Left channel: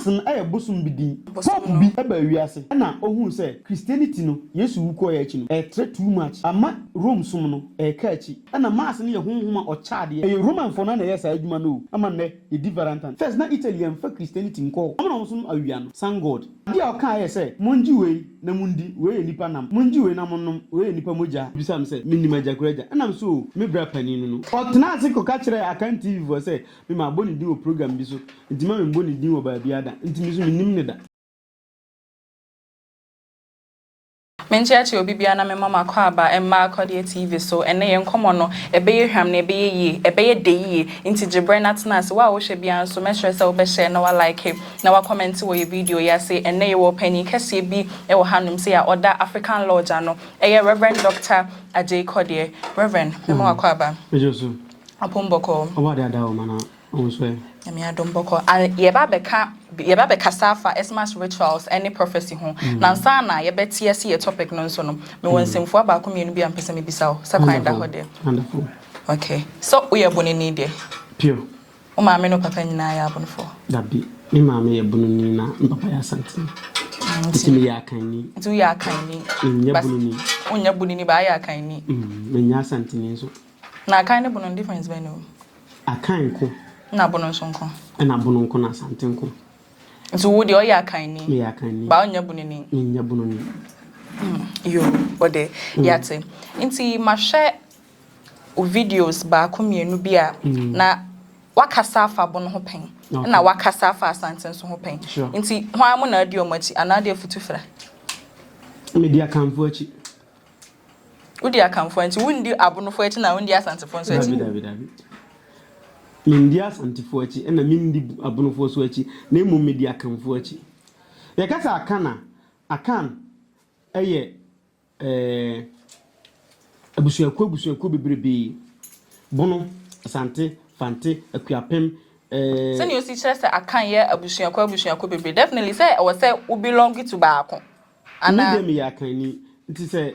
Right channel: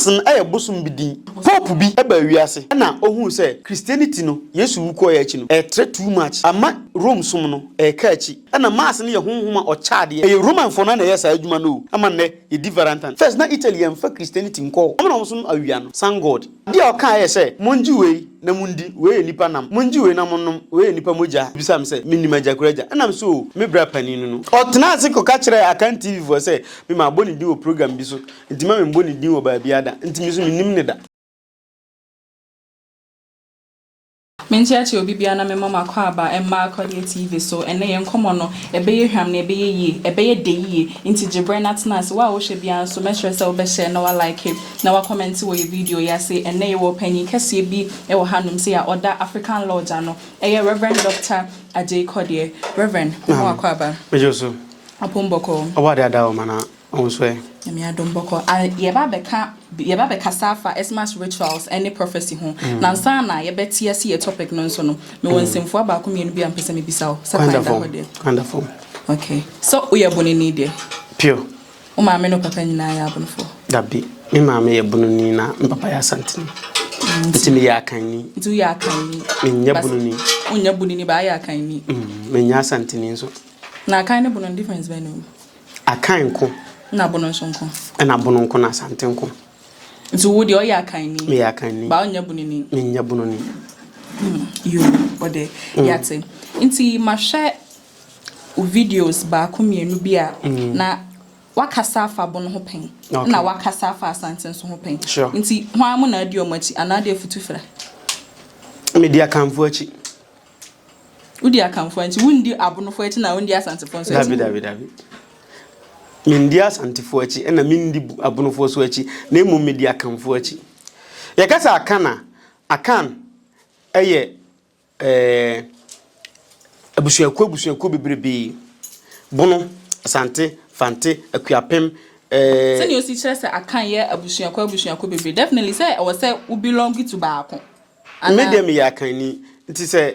mass no bosom bidin pope bi eba wiase na ohun say Christianity no Yesu wuko ya achi no too much ama Rome som no ka achi na mass no ye honhoma o chaade ye Roman for na yes adwuma no ama ne ye different first na Italian for Christianity nko na so awia no san God dia o kan ye say monji we na mundi we nipa nam monji we na monnom we nipa moja bisam say minima jakuraja na so me bra paninu no otena ase ko ka kire akan TV for say me ma boni di o program bi so ntima me boni di o ba biada ntimi so minim ne da Menchiachi obi bia na me mama kwa aba emma akọde TV so ene ye nkomo no ebeye hwam na ebeye yi ebeye de yi nti gibre natnas wa wo hwe bia so me hwe se wo be share na wa like na wa comment wo ye video ya say ene ye wo pani kase bi e wo hanum say a order African Lodge ano eye Reverend Dr. Ajay Kodie Reverend mo akwa aba mejoso apomboko obade adawo mana onso e me adomboko ye ba beka safa Xmas rituals any prophecy ho na nsa na ye betie se ye topic no nso no me wonsimfo aba ko mienu bi ampese me bisa o sakai da hode wonderful okay so we are bonini de pure o ma me no papa nyina ya bonfo dabi me ma me ye bonini na papa ya santini nti me ya kanni nti ya kanni me nya bonini o nya bonini ba ya kanni me nya santini nso na kan ne bonon difference be no akan ko na bonon so nko na bonon ko na santin ko nti wo de o ya kanni me ya kanni ba o nya bonini me nya bonini yo bode yate nti ma hwe o videos ba ko mienu bi a na wakasa afa bono ho pen na wakasa afa asanten so ho pen nti hwan mo na adi o machi anade futufra media kanfo achi udi akanfo nti wundi abonofo achi na wundi asantefo so dabi mindia asantefo achi na mindi abonofo so achi na emu media kanfo achi yakasa akan eye abusuako bebrebe bono asante fante akuapem sani osi chere se akan ye abusuako bebrebe definitely say o say we belong to baako medium ya kan ni nti say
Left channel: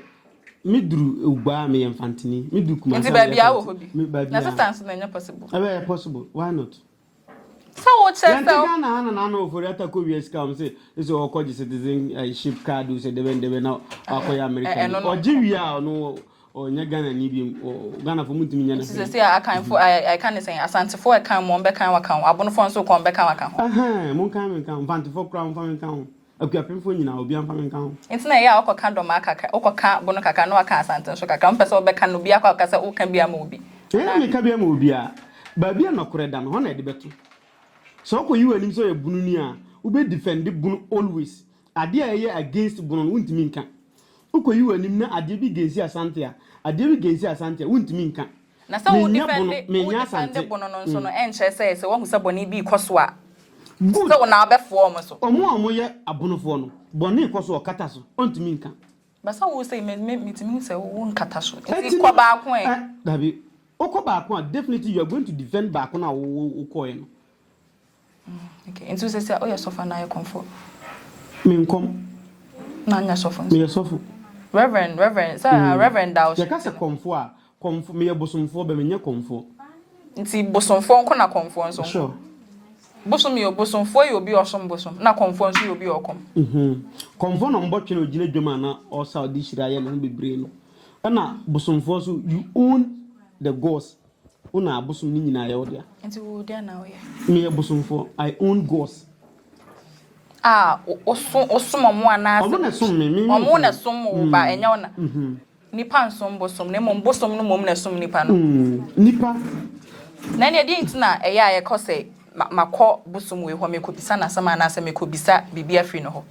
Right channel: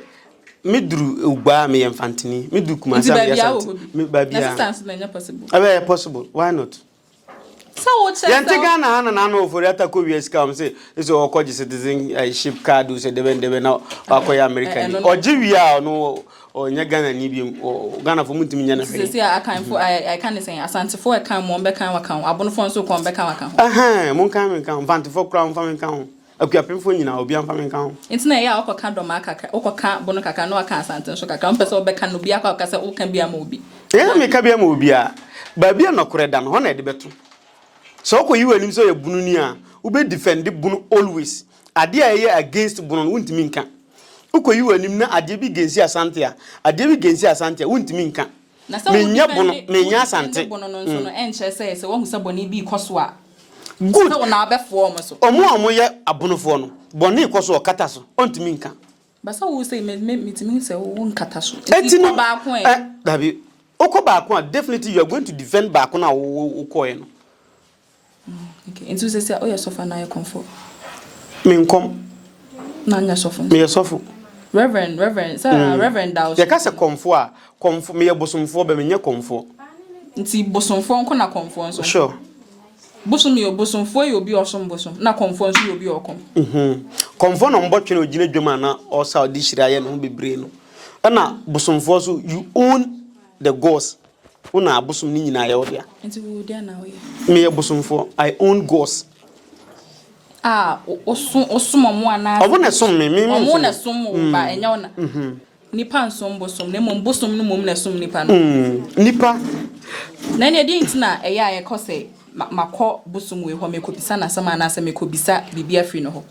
meduru ugba me infantini meduru Kumasi me babia assistance na nya possible possible why not so wo chere yanti Ghana na ofori atako wies ka say so okoji citizenship card say debe na akoya American oji wi a no onya Ghana ni bi Ghana fo mutimi nya na fe say I can say asantefo e kan mo be kan wakan abonofo nso kon be kan wakan mon kan infantefo kra mfa kan akuapemfo nyina obi amfa men kan nti na ya okoka doma kaka okoka bono kaka no aka asante so kaka mpese obeka no bia kwa kasa oka bia ma obi me ka bia ma obi a ba bia no kore da no ho na de beto so ko yiwa nim so ye bunu ni a wo be defend bunu always ade a ye against bunu no wuntimi nka ko yiwa nim na ade bi gensi asante a ade bi gensi asante a wuntimi nka menya bunu menya asante bunu no nso no enche se wo hu se boni bi koso a good so na abefo omo so omo ye abonofo no boni koso okata so ontimi nka basa wo say metimi se wo nkata so ti ko ba ko dabi oko ba ko definitely you are going to defend ba ko na wo ko no okay into say o ye sofa na ye comfort me nkom na nya sofa me ye sofo reverend sir reverend dawo ye ka se comfort me ye bosomfo be me nya comfort nti bosomfo nko na comfort so sure bosom yo bosomfo yo bi osom bosom na comfort so yo bi okom comfort no mbotwe no gina dwuma na o sa odi hira ye no bebre no na bosomfo so you own the gods una bosom ni nyina ye odia nti wo dia na wo ye me ye bosomfo I own gods osom mo ana obo na som me omo na som ba enya ona nipa nsom bosom ne mom bosom no mom na som nipa no nipa na ne di ntina eya ye kose makọ bosom we ho mekobisa na sama na ase mekobisa bibia free no ho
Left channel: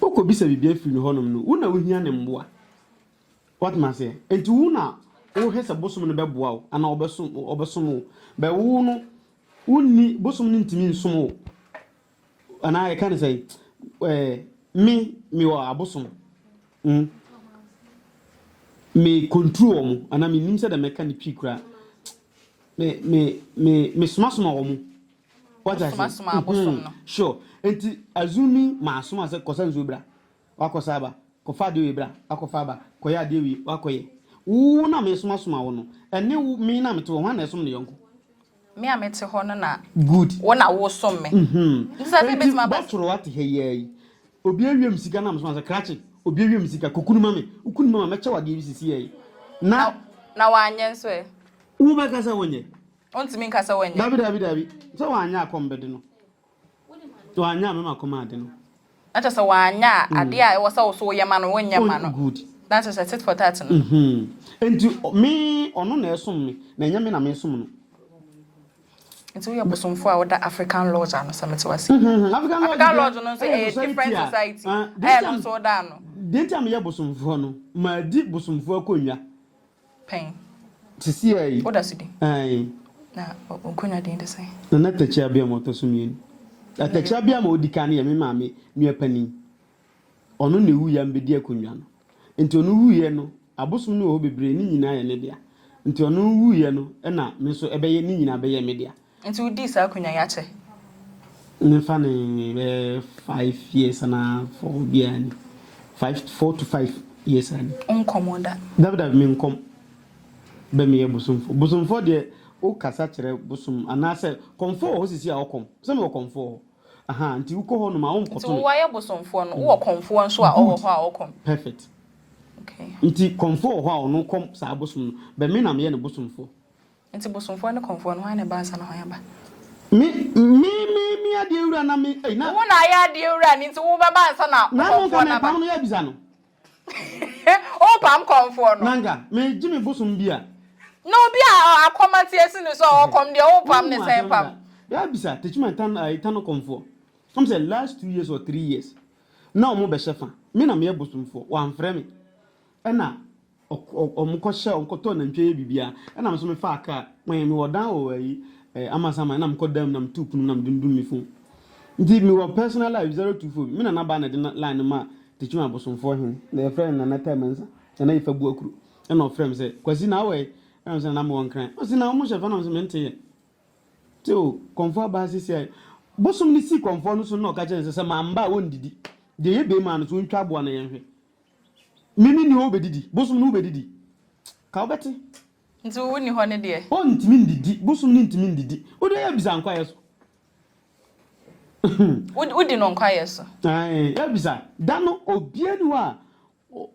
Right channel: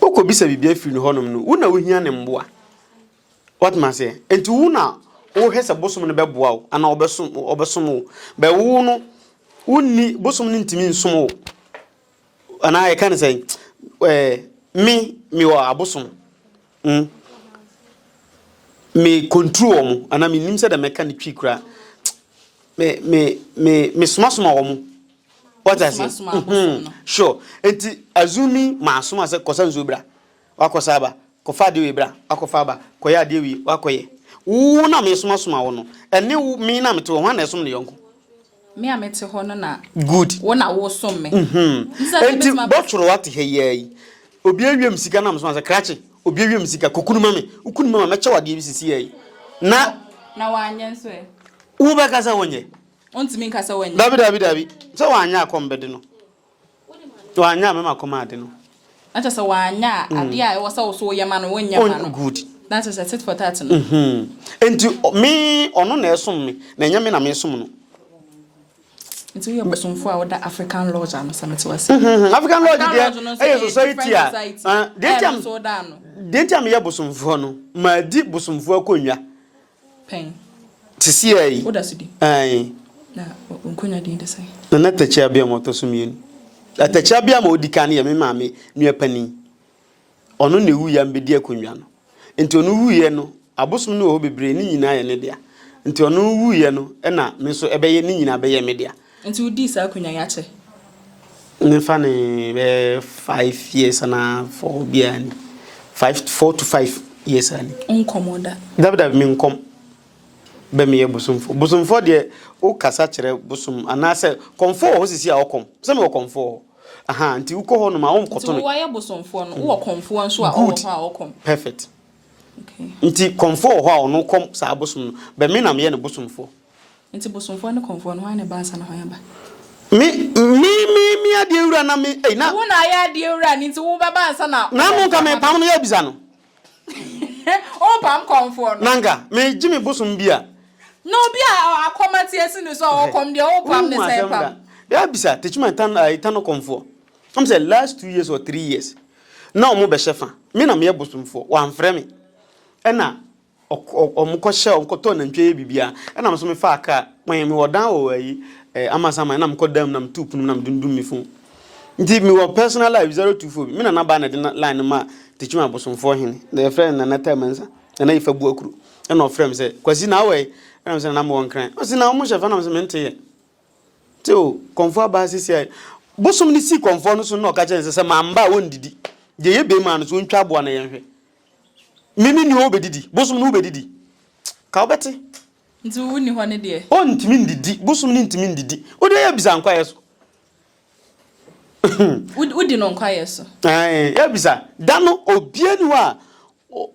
okobisa bibia free no ho nom no una ohia ne mboa what man say enti una o hese bosom no beboa o ana obesom be wo no unni bosom no ntimi nsom o ana ye kan say me wa abosom me control mo ana me nim se da meka ne twi kura me soma wo mo what I say sure enti azumi maasoma se kosa nzobra wakosa aba kofa de webra akofa aba koya de wi wakoye wo na me soma wo no ene me na me to ho na esom ne yonko Me a mete ho no na good wona wo som me enti botro what he yi obi awiem sika na mso ase krache obi awiem sika kokunuma me ukunuma ma meche wade bi sisi yi na wanye nso e wo be kasa wonye ontimi nkasa wanye dabi so wanya akombede no wanya me makoma ade no ata so wanya ade a wo sa wo so yema no wonya ma no good that is a tit for tat no enti me ono na esom me na nya me na me som no enti we obosomfo a woda African lodge ano samete wase African lodge dey society a dentiam ye bosomfo no ma di bosomfo akonwa pen tisi ai oda sudi na onkonya dey dey say na Techia bia moto so mienu Techia bia ma odika na ye me maame nua pani ono na ewu ya mbedi akonwa no enti ono wu ye no abosom no ho bebre ni nyina ye ne dia enti ono wu ye no na me so ebeye ni nyina beye me dia enti udi sa akonwa ya che nefa ne be 5 years na 4 bia ni 4 to 5 years ani unkomoda dabi mi nkom be me ye bosomfo de o kasa kire bosom anase komfo ho sisi a okom se me komfo aha nti uko ho no ma o koto no wa ye bosomfo no wo komfo nso a o ho a okom perfect okay nti komfo ho a ono kom sa bosom no be me na me ye ne bosomfo nti bosomfo ne komfo no ha ne ba sa na ho ya ba mi ade ewura na me na wo na ya ade ewura ni nti wo ba ba sa na mo ka me pam no ya bisa no o pam komfo no nanga me jimi bosom bia no bia akomati esi ni so okom de o pam ne say pam ya bisa Techiman tan komfo am say last 2 years or 3 years na omo be shefa me na me ye bosomfo wa mfre me na omko she onkoto na ntwe bibia na me so me fa aka me wodan wo ayi amasama na mko dam na mtupunu na mdundum mi fun nti me wo personal life 024 me na ba na de line ma Techiman bosomfo hin the friend na natamansa na ifa bu akuru na ofrem say kwasi na we na say na mo wonkran o si na mo shefa na me mente ye tio komfo ba sisi bosom ni si komfo no so na ka chense se mamba wondidi je ye be ma no so ntwa bo na ye hwe mini ni obedidi bosom no obedidi ka obeti nti wo ni ho ne de o ntimi ndidi bosom ni ntimi ndidi o de ya bisa nkwa yeso udi no nkwa yeso ya bisa dano obiani wa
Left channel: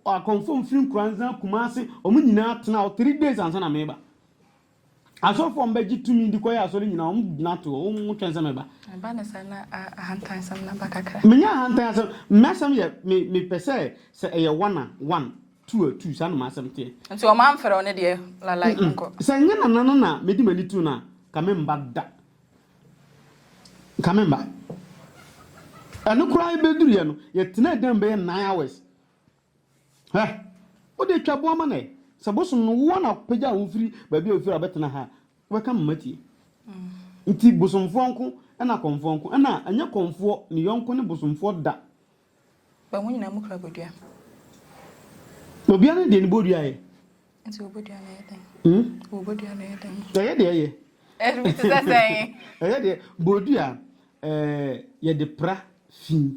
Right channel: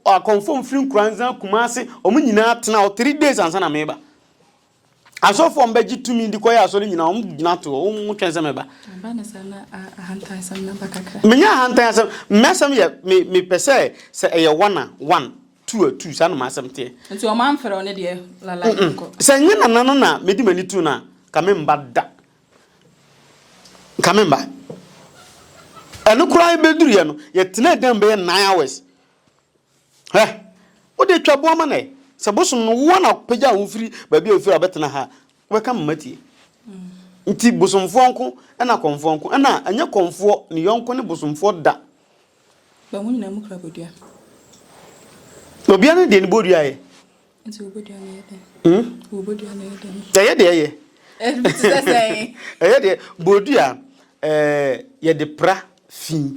a confirm free kranza Kumasi omu nyina atena o 3 days ansa na meba aso fo mbeji tumi ndi koya aso nyina omu gina to omu twense meba ba na sana ahantan sam na bakaka menya ahantan sam mesam ye me pese se eye 1 2 2 sa no masam te nti o man fere one de la ko se nyina nano na medi mani tu na kamemba da kamemba anu kura beduru ye no ye tena dan be 9 hours o de twabo ama na se bosom no wo na pagya wo firi ba bia ofiri abetena ha we ka mmati nti bosomfo nko na komfo nko na anya komfo ne yonko ne bosomfo da ba mu nyina mu kra bodua obia ne de ne bodua ye nti obodua na ye obodua na ye de ye bitisa sai de bodua ye de pra fi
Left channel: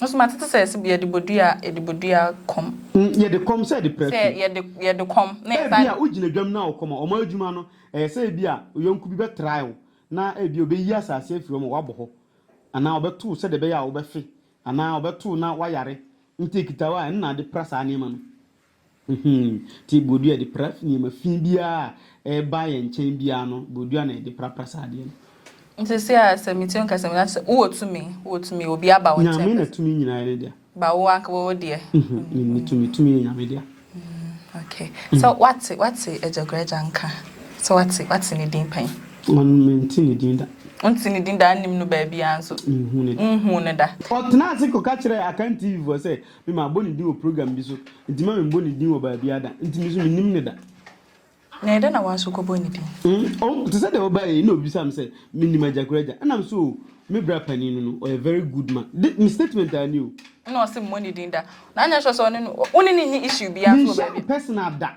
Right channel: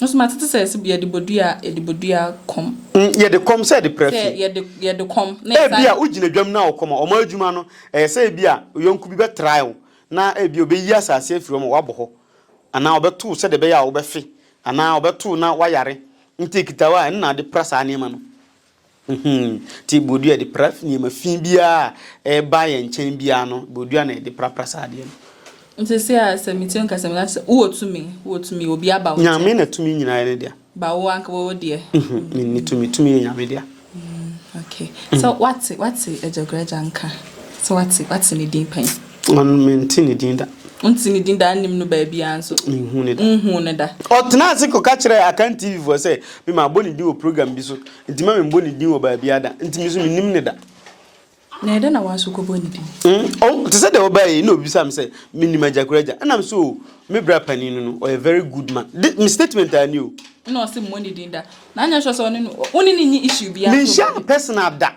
no so matete say se bia de bodua kom ye de kom say de pra fi ye de kom na bia ugina dwam na okoma o ma adwuma no say bia yonku bi be trial na bia obeyi asase afiro mo wabo ana obeto se de be ya obefe ana obeto na wayare ntikitawa na de prasa anema no ti bodua de praf ni ma fi bia ba ye nchen bia no bodua na de prasa ade no nti se a se mitin ka se na wo tumi obi aba wo nyame na tumi nyina ne dia ba wo anka wo de ni tumi nyame dia okay so what's ejogreja nka so what's ni din pan on mentini din da unti ni din da anim no ba bia anso nhu ne da otna se ko ka kire akan TV for say me ma boni din o program bi so nti ma me boni din o ba bia da nti mi so mi nim ne da na eda na waso ko boni din oh to say the obai no bi sam say me nim ajagreja and am so me bra paninu no a very good man me statement I knew no say money din da na anya so so no oni ni issue bia me share personal da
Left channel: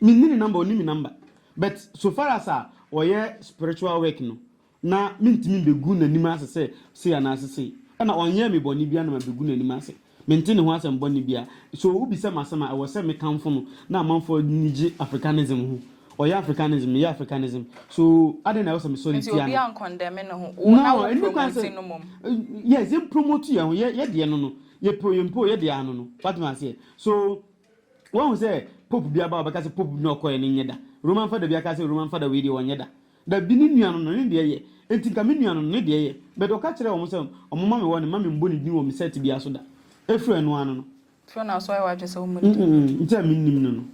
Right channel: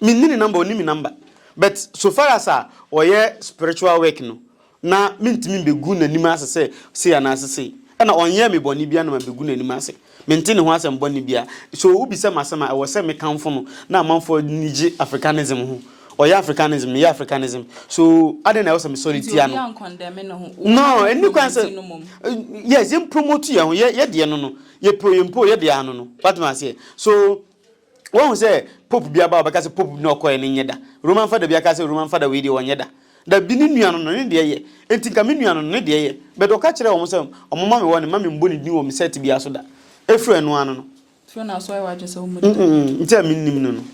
me ni number oni me number but so far as oye spiritual work no na mintimi begu na nima ase se ana ase na onye me boni bia na begu na nima ase mentini ho asem boni bia so obi se masema e wo se me kanfo no na amanfo niji africanism ho or Africanism, yeah, Africanism. So I don't know some solitary. No, and you can say yes, you promote you, yet no, you pro yet the ano. What must say? So one say Pope be about because Pope no coin in yeda. Roman father be a Roman father video on yeda. The Binian on India, and think a minion on India, but o catch almost a mamma one, mammy bunny knew said to be a soda. A friend one. Fiona, so I watch so much. Tell me, no.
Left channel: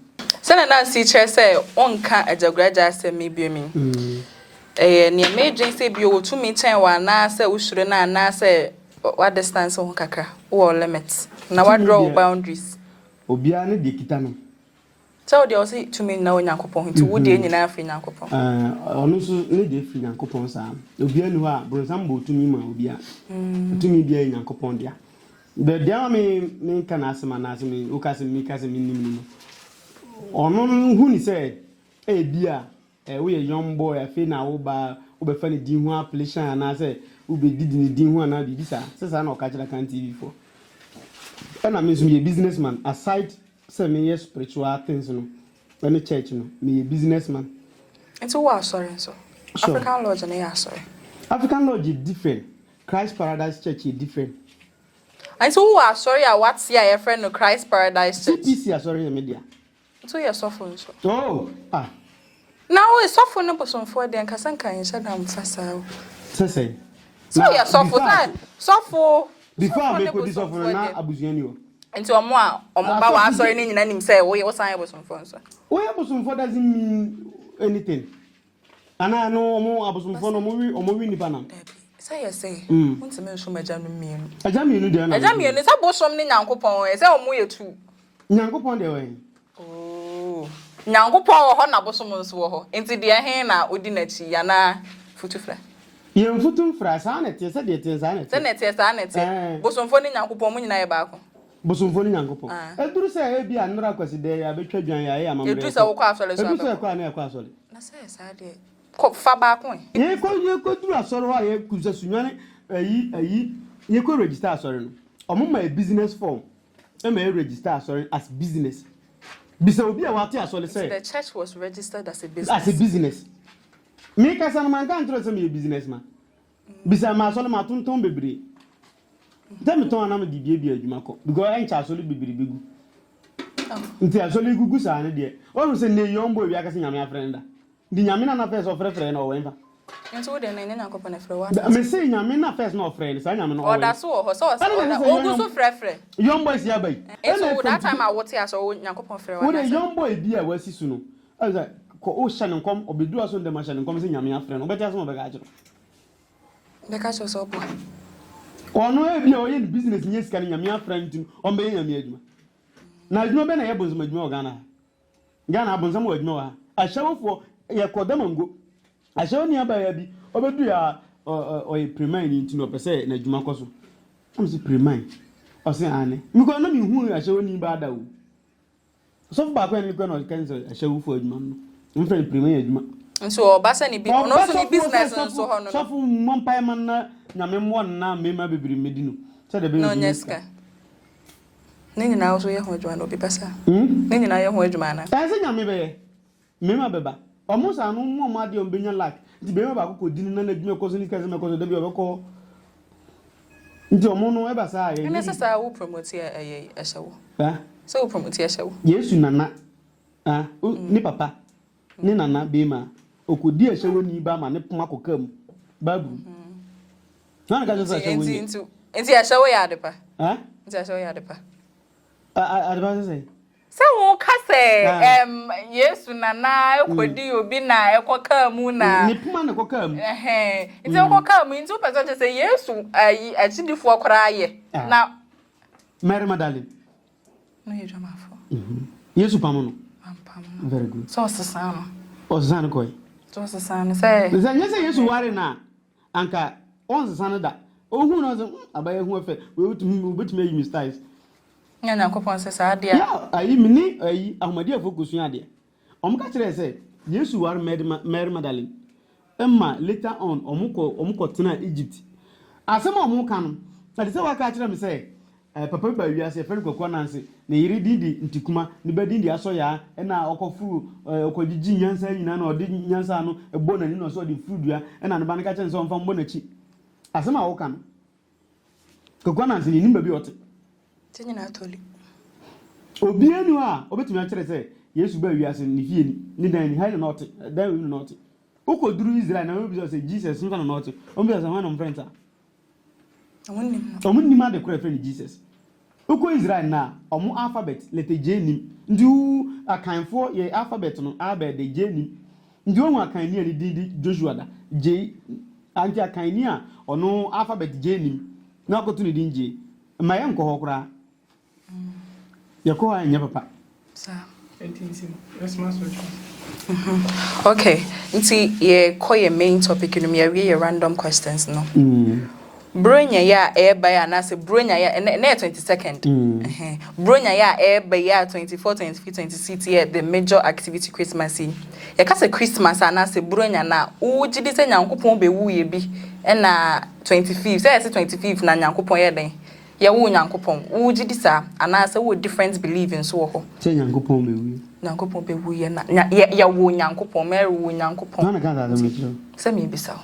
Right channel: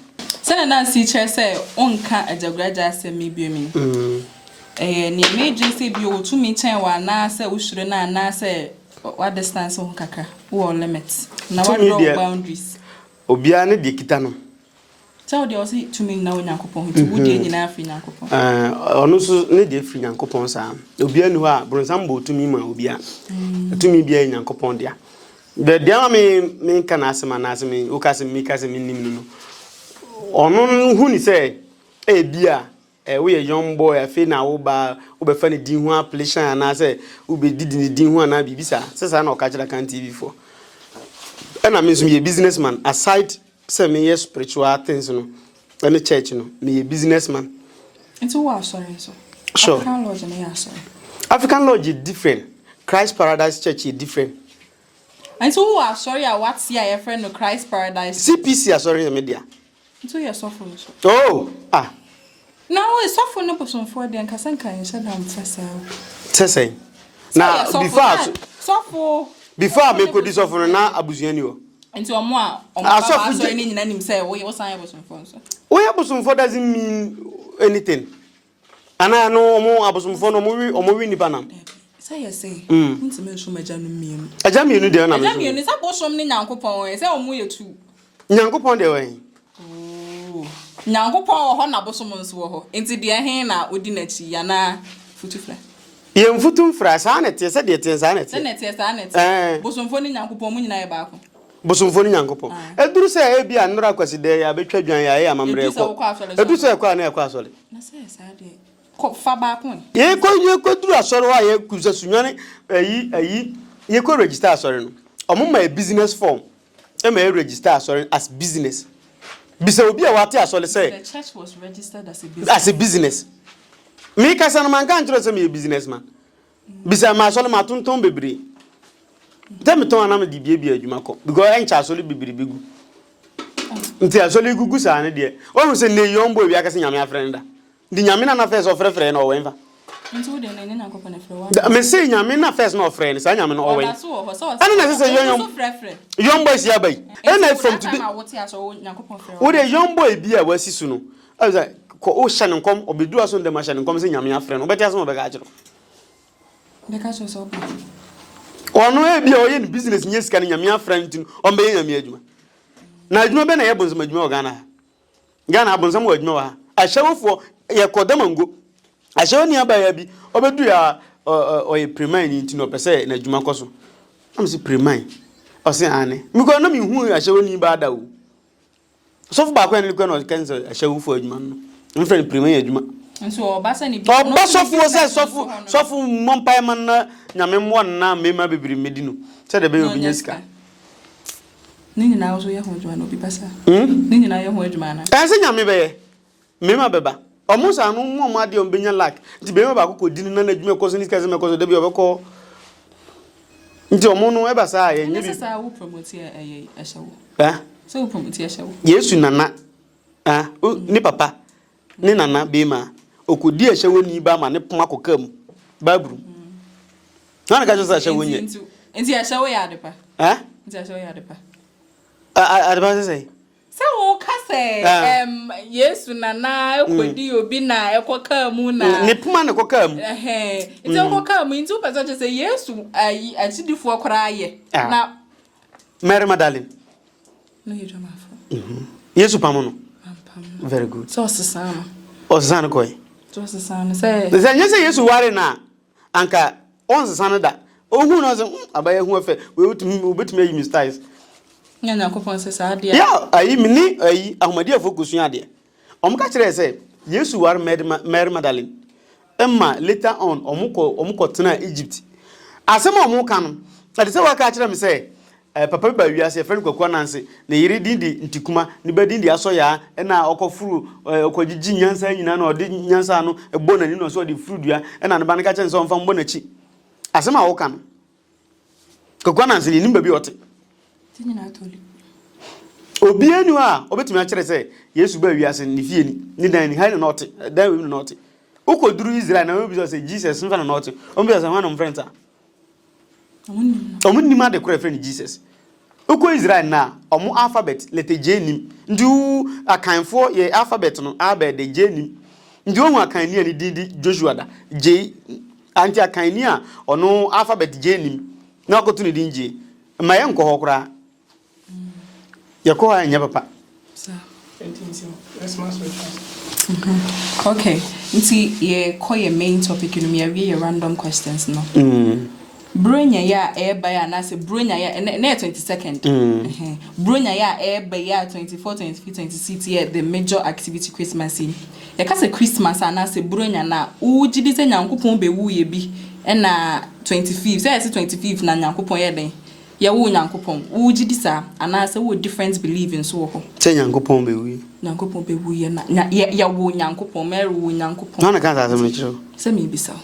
Sen Nancy chair say, Onka as a graduate said, maybe me. Near major say, you to me 10 one, now say, we should not say, what distance on Kaka, or limits. Now I draw boundaries. Obiane de kitano. So they also to me now in Yankopon, to would in African Yankopon. Also, need the free Yankopon, sir. Obiane who are Bronsambo to me, ma Obia. To me, be a Yankopon, dear. The dear me can ask man as me, who can make us a minimum. Or no, who say, eh, dear, we a young boy, a fin over funny Dinwa, pleasure, and I say, who be did in the Dinwa and I be visa, says I know catch I can't TV for. And I mean, me a businessman, aside, say me spiritual things, and the church, me a businessman. And so what, sorry, so. Sure. African Lodge and sorry. African Lodge is different. Christ Paradise Church is different. And so what, sorry, what's your friend of Christ Paradise? CPC, sorry, media. So you're suffering. Oh, now it's suffering no person for the and Casanca and said I'm facile. Say, now, before I make this offer now, Abuzianio. And to a more, I saw any name say, oh, was I was some fun. Oh, Abusun for doesn't mean anything. And I know more Abusun for no movie or movie in the Panam. Say, want to mention my jammy. A jammy, you know, a jammy is about something Uncle Pong, is our way too. Uncle Pong, the way. Uncle Paul, Honor Someone's war, into the Hena, Udinachi, Yana, Futufre. Young Futum Fras, Annette, said it is Annette, Annette, Bosom Phony Uncle Pong in Ibaco. Bosom Phony Uncle Pong. I do say, be a Noraquas day, I betray you, I am a do say a quaner quasoli. Cop far back one. Ye could do a sorrow, I could just ye could register, sorry. Among my business form, I may register, sorry, as business. Bisobia what I say. The church was registered as a business. As a business. Me kasan man kan tro say me businessman. Bisa ma so ma tonton bebre. Tell me ton na me di bia adwuma ko because en cha so le bebre begu. Nti aso le gugu sa ne de. O say ne yombo bia ka say nyame afrenda. Di nyame na first of frefre na o wenfa. Nti wo de ne na ko pa na frɛ wa. Me say nyame na first na of friend sa nyame na o wen. O da so ho so. Ana na say yombo frefre. Yombo is ya bai. Na from today. Wo de yombo e bia wasi su no. I say ko o hye nkom obedu aso ndem hye nkom say nyame afrɛ no. Obeti aso mo be ka kire. Be ka so so. Ono e bia o ye business nye sika nyame afrɛ ntin o be nyame adwuma. Na adwuma be na ye bonzam adwuma o Ghana. Ghana bonzam o adwuma wa. Ahyewofo ye kodamango. Ashe oni abaya bi obedu ya oye premain nti no pese na adwuma koso am se premain o se ane mi ko na mi hu ashe oni ba da o so fu ba kwa ni ko no cancel ashe wu fu adwuma no mi friend premain adwuma nso obasa ni bi no so fu mompai man na nyame mo na mema bebiri medino se de be obi nyesika ni nyina wo so ye ho adwuma no bi pesa ni nyina ye ho adwuma na ka se nyame be ye mema beba Omusa no mo ade ombenya lack nti be ba ko di na adwuma ko so ni kaze me ko so de bi obeko nti omo no e ba sa ye nyi bi sa wo promote e ahyewo so wo promote ahyewo Yesu nana ni papa ni nana be ma okodi ahyewo ni ba ma ne poma kokam babru na ka jo sa ahyewo nyi nti ahyewo ya adepa nti ahyewo ya adepa adepa say so kase Yesu nana ekwedi obi na ekoka mu na ne puma ne koka mu nti koka mu nti o pese say Yesu ayi achidifo akora ye na Mary Magdalene no you jama fo Yesu pamo no very good so sesama o sesana koy so sesana say say Yesu ware na anka on sesana da ohu no so abaye hu afa we wetumi ayi mistakes nyanya kopon se sa dia ya ayi mini ayi ahumadi afokusu ade omka kire se Yesu war Mary Magdalene emma later on omuko tena Egypt asema omuka no ade se waka kire me se papa ba wiase friend kwakwa nanse na yiri dindi ntikuma ni ba dindi aso ya na okofuru okogigi nyansa nyina na odi nyansa no ebo na ni no so odi frudua na ne ba ne ka chen so mfa mbo na chi asema wo ka no kwakwa nanse ni nimba bi ote tinyina atoli obi anu a obetumi a kire se Yesu ba wiase ni fie ni dan ni ha no ote dan we no ote ukoduru Israel na obi so se Jesus mfa na ote obi so se hwan no mfrenta omu nima de kura friend Jesus uko Israel na omu alphabet letter J nim ndu akanfo ye alphabet no abe de J nim ndu ohu akanni ani didi Joshua da J anti akanni a ono alphabet J nim na akotu ni din J ma ye nko ho kura ye ko ha nya papa okay nti ye ko ye main topic no me ye random questions no Bronya ya eba ya na se bronya ya na 22nd. Bronya ya eba ya 24, 25, 26 year the major activity Christmas in. Ya ka se Christmas ana se bronya na ugidi se Nyankopon be wu ye bi na 25. Say 25 na Nyankopon ye den. Ya wu Nyankopon. Ugidi sa ana se wo different believing so ho. Say Nyankopon be wu. Nyankopon be wu ye na ya wu Nyankopon, Mary wu Nyankopon. Na kan sa me chiro. Se me bisa.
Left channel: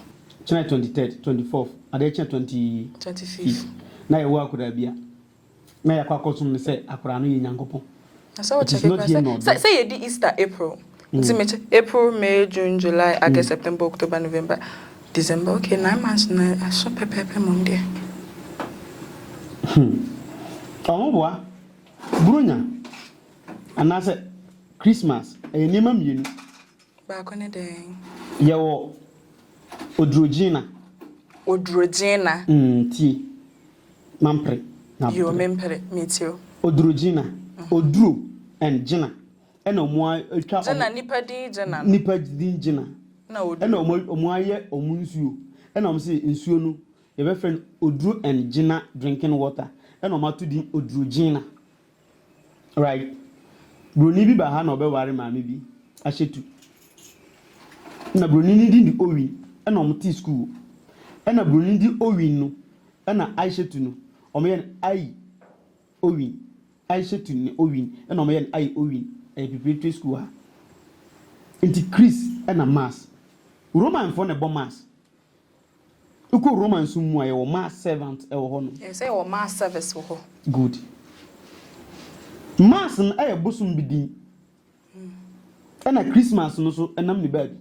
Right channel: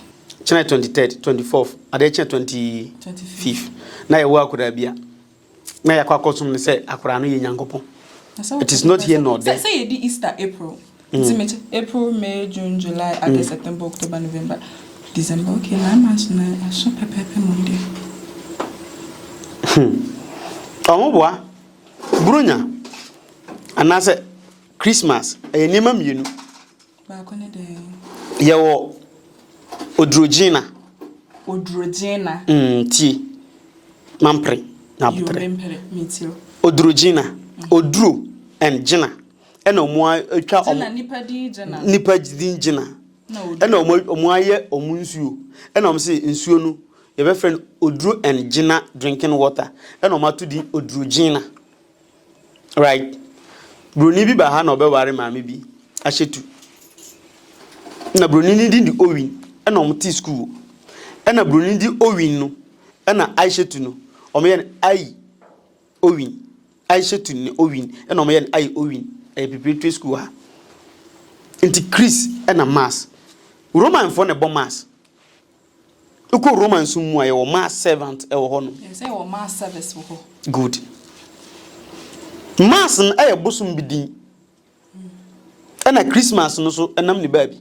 China 23rd, 24th, adeche 25th. Na ye wa akura bia. Na ya kwa kosum ne say akura no ye Nyankopon. It is not here nor there. Say the Easter April. April, May, June, July, August, September, October, November, December. Okay, 9 months na I show pepe Monday. Omoboa. Brunya. Anase Christmas. E nima mienu. Ba ko ne den. Ye wo Odrogina. Ti. Mampre. Na yo mempere metio. Odrogina. Odro and Gina. Ena omo atwa Gina nipa din Gina. Nipa din Gina. Ena omo aye omo nsuo. Ena omo se nsuo no ye be friend Odro and Gina drinking water. Ena omo to din Odrogina. Right. Broni bi ba ha na obeware maame bi. Ahyetu. Na broni ni di Owin. Ena omuti school ena broni di Owin no ena Aishetu no omeyen ai Owin Aishetu ni Owin ena omeyen ai Owin preparatory school ha enti Chris ena mass Roman for ne bo mass uko Roman sum mu aye wo mass servant e wo ho no say wo mass service wo ho good mass n aye bosum bidin ena Christmas no so enam ne baabi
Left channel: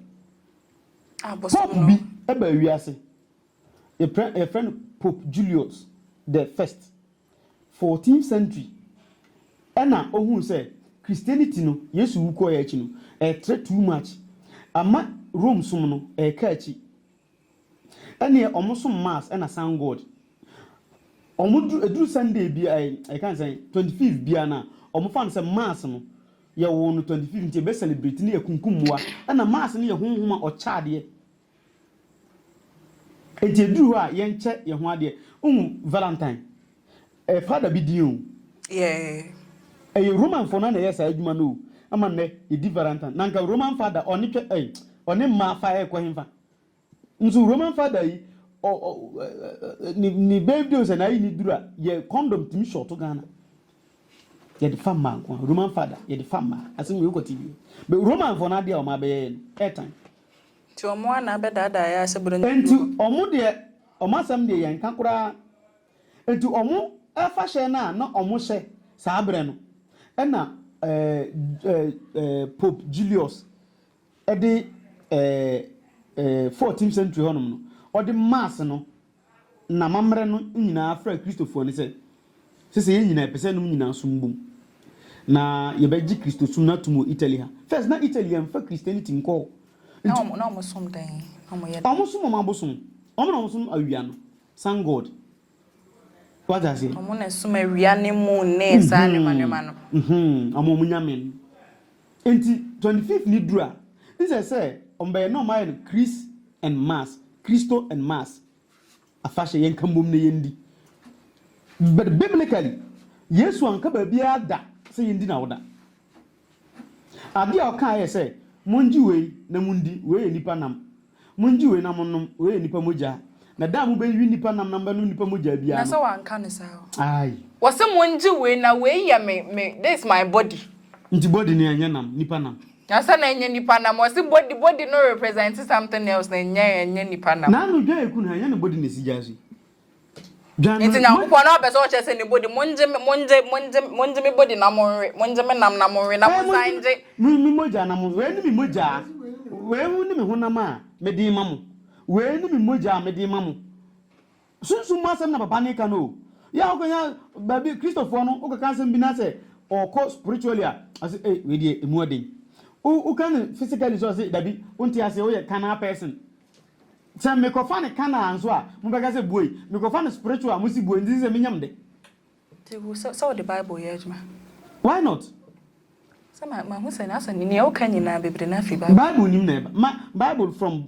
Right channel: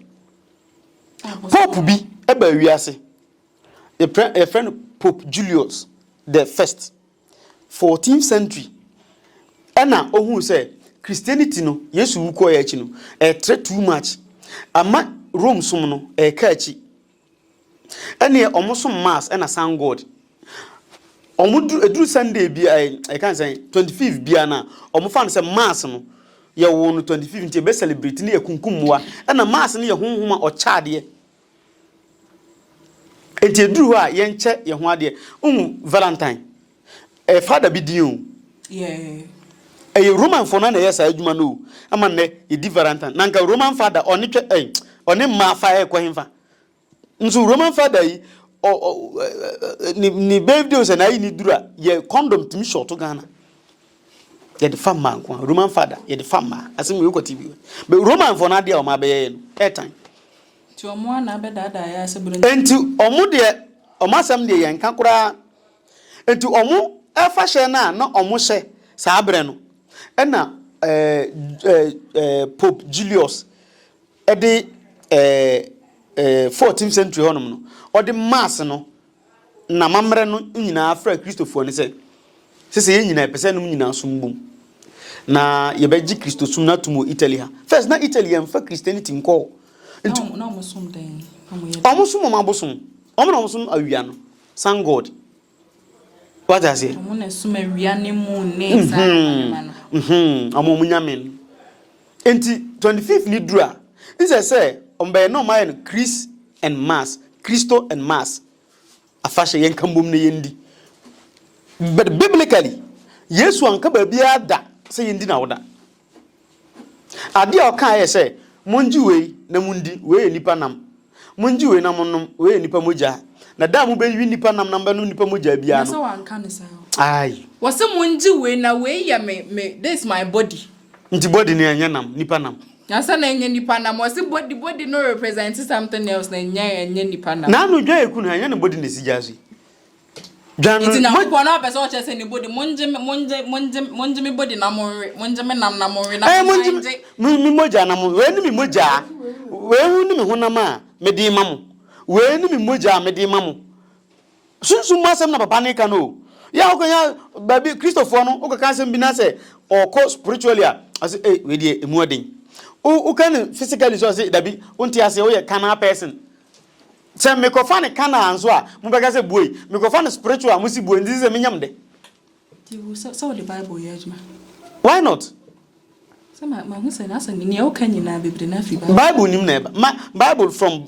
Pope bi eba wiase. A friend Pope Julius the first 14th century. Ena ohun say Christianity no Yesu wuko ya echi no too much. Ama Rome som no ka echi. Ene omosom mass ena san God. Edru Sunday bi I can say 25th bi na omofan say mass no ye wo no 25th nti be celebrate ne yakunkumwa ena mass ne ye honhoma o chaade enti duru ha ye nche ye ho ade Valentine father bi din yeah Roman for na yes adwuma no ama ne e di Valentine nanka Roman father oni twe oni ma fa e kwa himfa nso Roman father yi ni birthday se na yi ni duru a ye condom timi short Ghana ye the farmer kwa Roman father ye the farmer asim we kwati bi but Roman for na dia o ma be ye no airtime ti omo na be dada ya se buru enti omo de omo asem de ye nka kura enti omo efa hye na omo hye sa abre no ena Pope Julius ede 14th century honum no ode mass no na mamre no nyina afra Christopher ne se ye nyina pese no nyina sombum na ye beji Christo sum na tumo Italy ha first na Italy am fa Christianity nko na omo sum den omo sum ma bosum omo na omo sum awia no san God what does it omo na sum awia ne mu ne san manema no omo munyamen enti 25th ni dura is say ombe no my Chris and mass Christo and mass afashe yen kambom ne yendi but biblically Yesu anka ba bia da say yendi na woda ade a oka ye say monji we na mundi we nipa nam monji we na monnom we nipa moja na da mu be wi nipa nam namba no nipa moja bia no so anka ne sa Aye. Was someone doing away ya me this my body. Nti body ni anyanam nipa nam. Asa na enye nipa nam was body no represent something else na enye nipa nam. Na no dwa eku na anya ne body ne sijaso. Dwa no. Nti na ko na be so che se ne body monje me body na monje me nam na monwe na monje. Mi moja na mo. We ni mi moja. We hu ni mi honam a me di mamu. We ni mi moja me di mamu. Sunsu masem na papa ne ka no. Ya okonya baby Christopher no okaka sem bi na say or co spiritually I say eh we dey emu odin. O can physically so say dabi unti ase o ye kana person. Say me ko fa ne kana anso a mo beka say boy me ko fa ne spiritual mo si boy ndi say me nyam de. So the Bible ye adwuma. Why not? Say ma hu say na say ni o kan nyina bebre na fi Bible nim na Bible from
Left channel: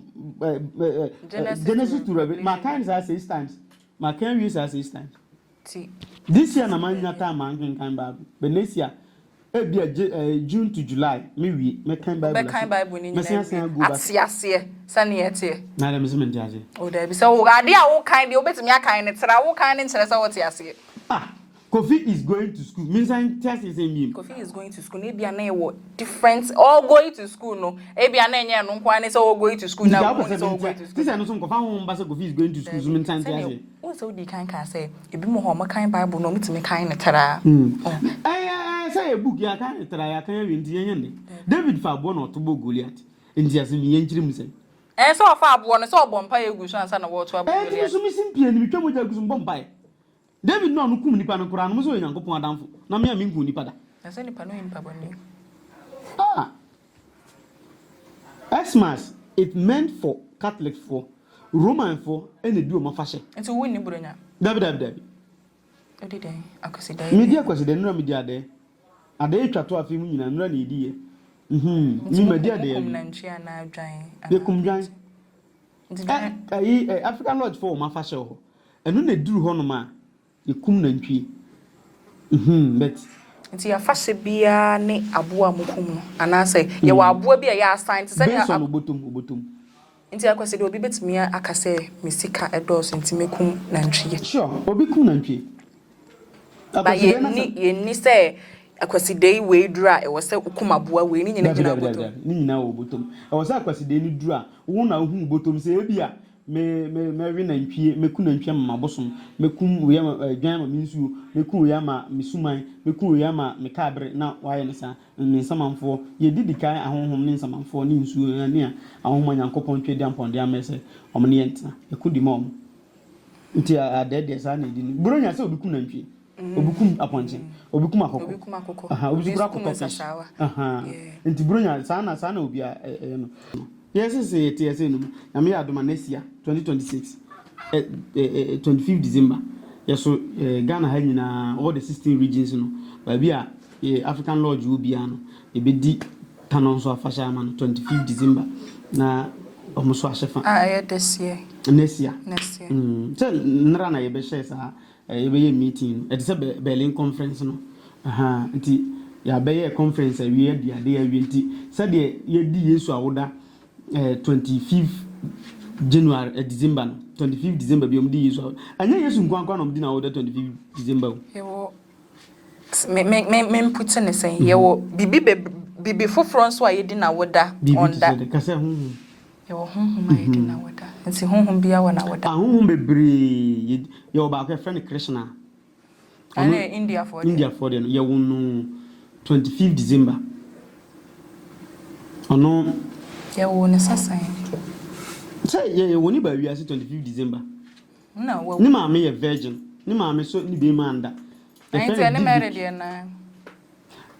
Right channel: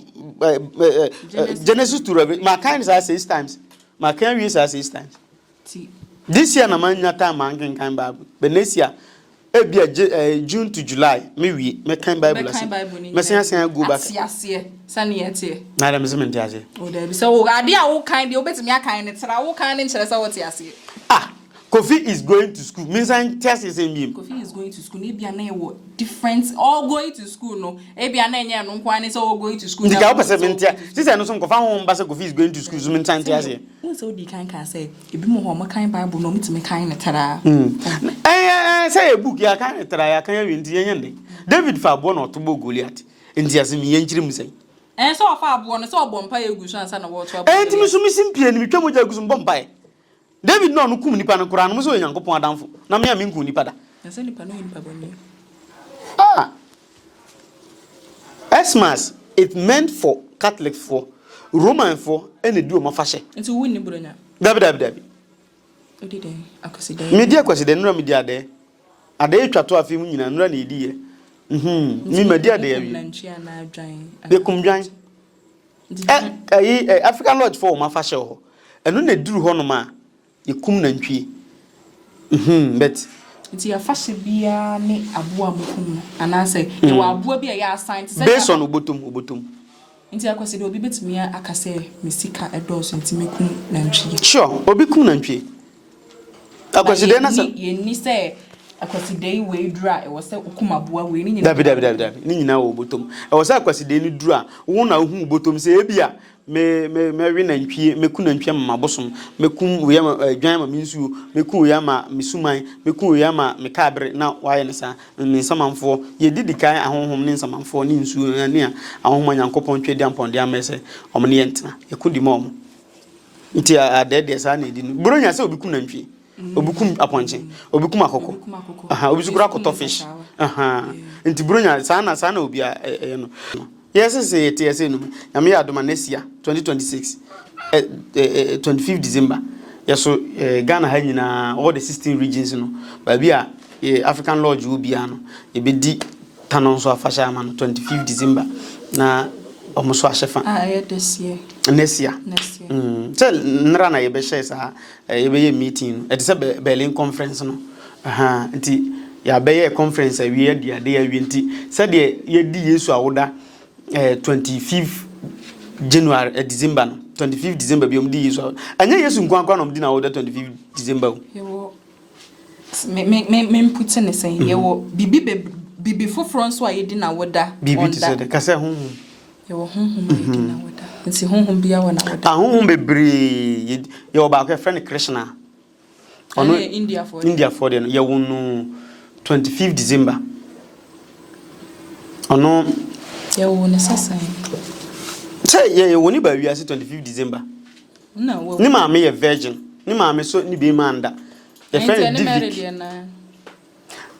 Genesis to Revelation my kind is 6 times. My kind is 6 times. This year na manya time man kan Bible. But next year June to July me kind Bible. Me say go back. Ase sane yete. Na dem se mente ase. O da bi say wo ade a wo kind de obetimi akan ne tra wo kan ne nkere say wo te ase. Kofi is going to school. Means I'm testing him. Kofi is going to school. Maybe na what different all going to school no. Maybe na enye no nkwan say all going to school. Ndika wo pese mente. Sisi no so nkofa ho mba say Kofi is going to school. So mente ante ase. So di kan say ebi mo ho kan Bible no mitimi kan ne tra. Say a book ya kan tra ya kan wi ndi yende. David fa abo no to bo Goliath. Ndi ase mi yenkyire mu say. So fa abo no so obo mpa ye gu so ansa na wo to abo. Ntimi so mi simpie ni mi twa moja gu so bompa. David no kum nipa no kura no so Nyankopon adamfo. Na me a me nkum nipa da. Ansa nipa no nipa boni. Xmas it meant for Catholic for Roman for any do ma fashe. Nti wo ni bronya. Dabi. Odide akoside. Media akoside nura media de. Ade twato afi mu nyina nura na edi ye. Ni media de yawi. Nanchia na adwan. Be kumdwan. African Lodge for ma fashe ho. Eno na duru ho no ma yekum nantwie. Bet nti ya fashe bia ne aboa mukum no anase ye wa aboa bia ya assign say based on obotom. Nti akwase de obi betumi akase mesika edoso nti mekum nantwie. Sure, obi kum nantwie. Akwase de na say ye ni say akwase de we dura e wo say ukum aboa we ni nyina. Dabi. Ni nyina wo obotom. E wo say akwase de ni dura wo na hu obotom say ebia me wi nantwie meku nantwie ma bosom mekum we ma adwan ma minsuo mekum we ma misuman mekum we ma mekabre na waye ne sa me nsamanfo ye didikan ahonhom ne nsamanfo ne nsuo ne a ahonhom Nyankopon twedi amponde amese omne yentena ekudi ma omo nti adede sa na edi no bronya se obikum nantwie obikum aponche obikum akoko obisukura koto fish nti bronya sa na obi no. Yes, say it, yes, no. I'm here at Domanesia 2026, 25th December. Yes, so Ghana had all the 16 regions, you know. But we are African Lodge will be an a bit deep Tanonso Fashaman 25th December. Na almost Washafa. This year. Next year. Tell Nrana Yebeshes a meeting at the Berlin conference, no. Ya be conference a year, dear, winty. Said ye di yesu awoda 25th January December 25th December bi omdi yesu anya yesu nkwankwa no mdi na awoda 25th December yewo me put in say yewo bibi foforo nso ayedi na awoda bibi to say ka say honhom yewo honhom ayedi na awoda nti honhom bia wa na awoda honhom bebre yewo ba ka friend Krishna ono India for the yewo no 25th December ono yewo ne sasa say yewo ni ba wiase 25th December na wo ni ma me ye virgin ni ma me so ni be manda the friend Divic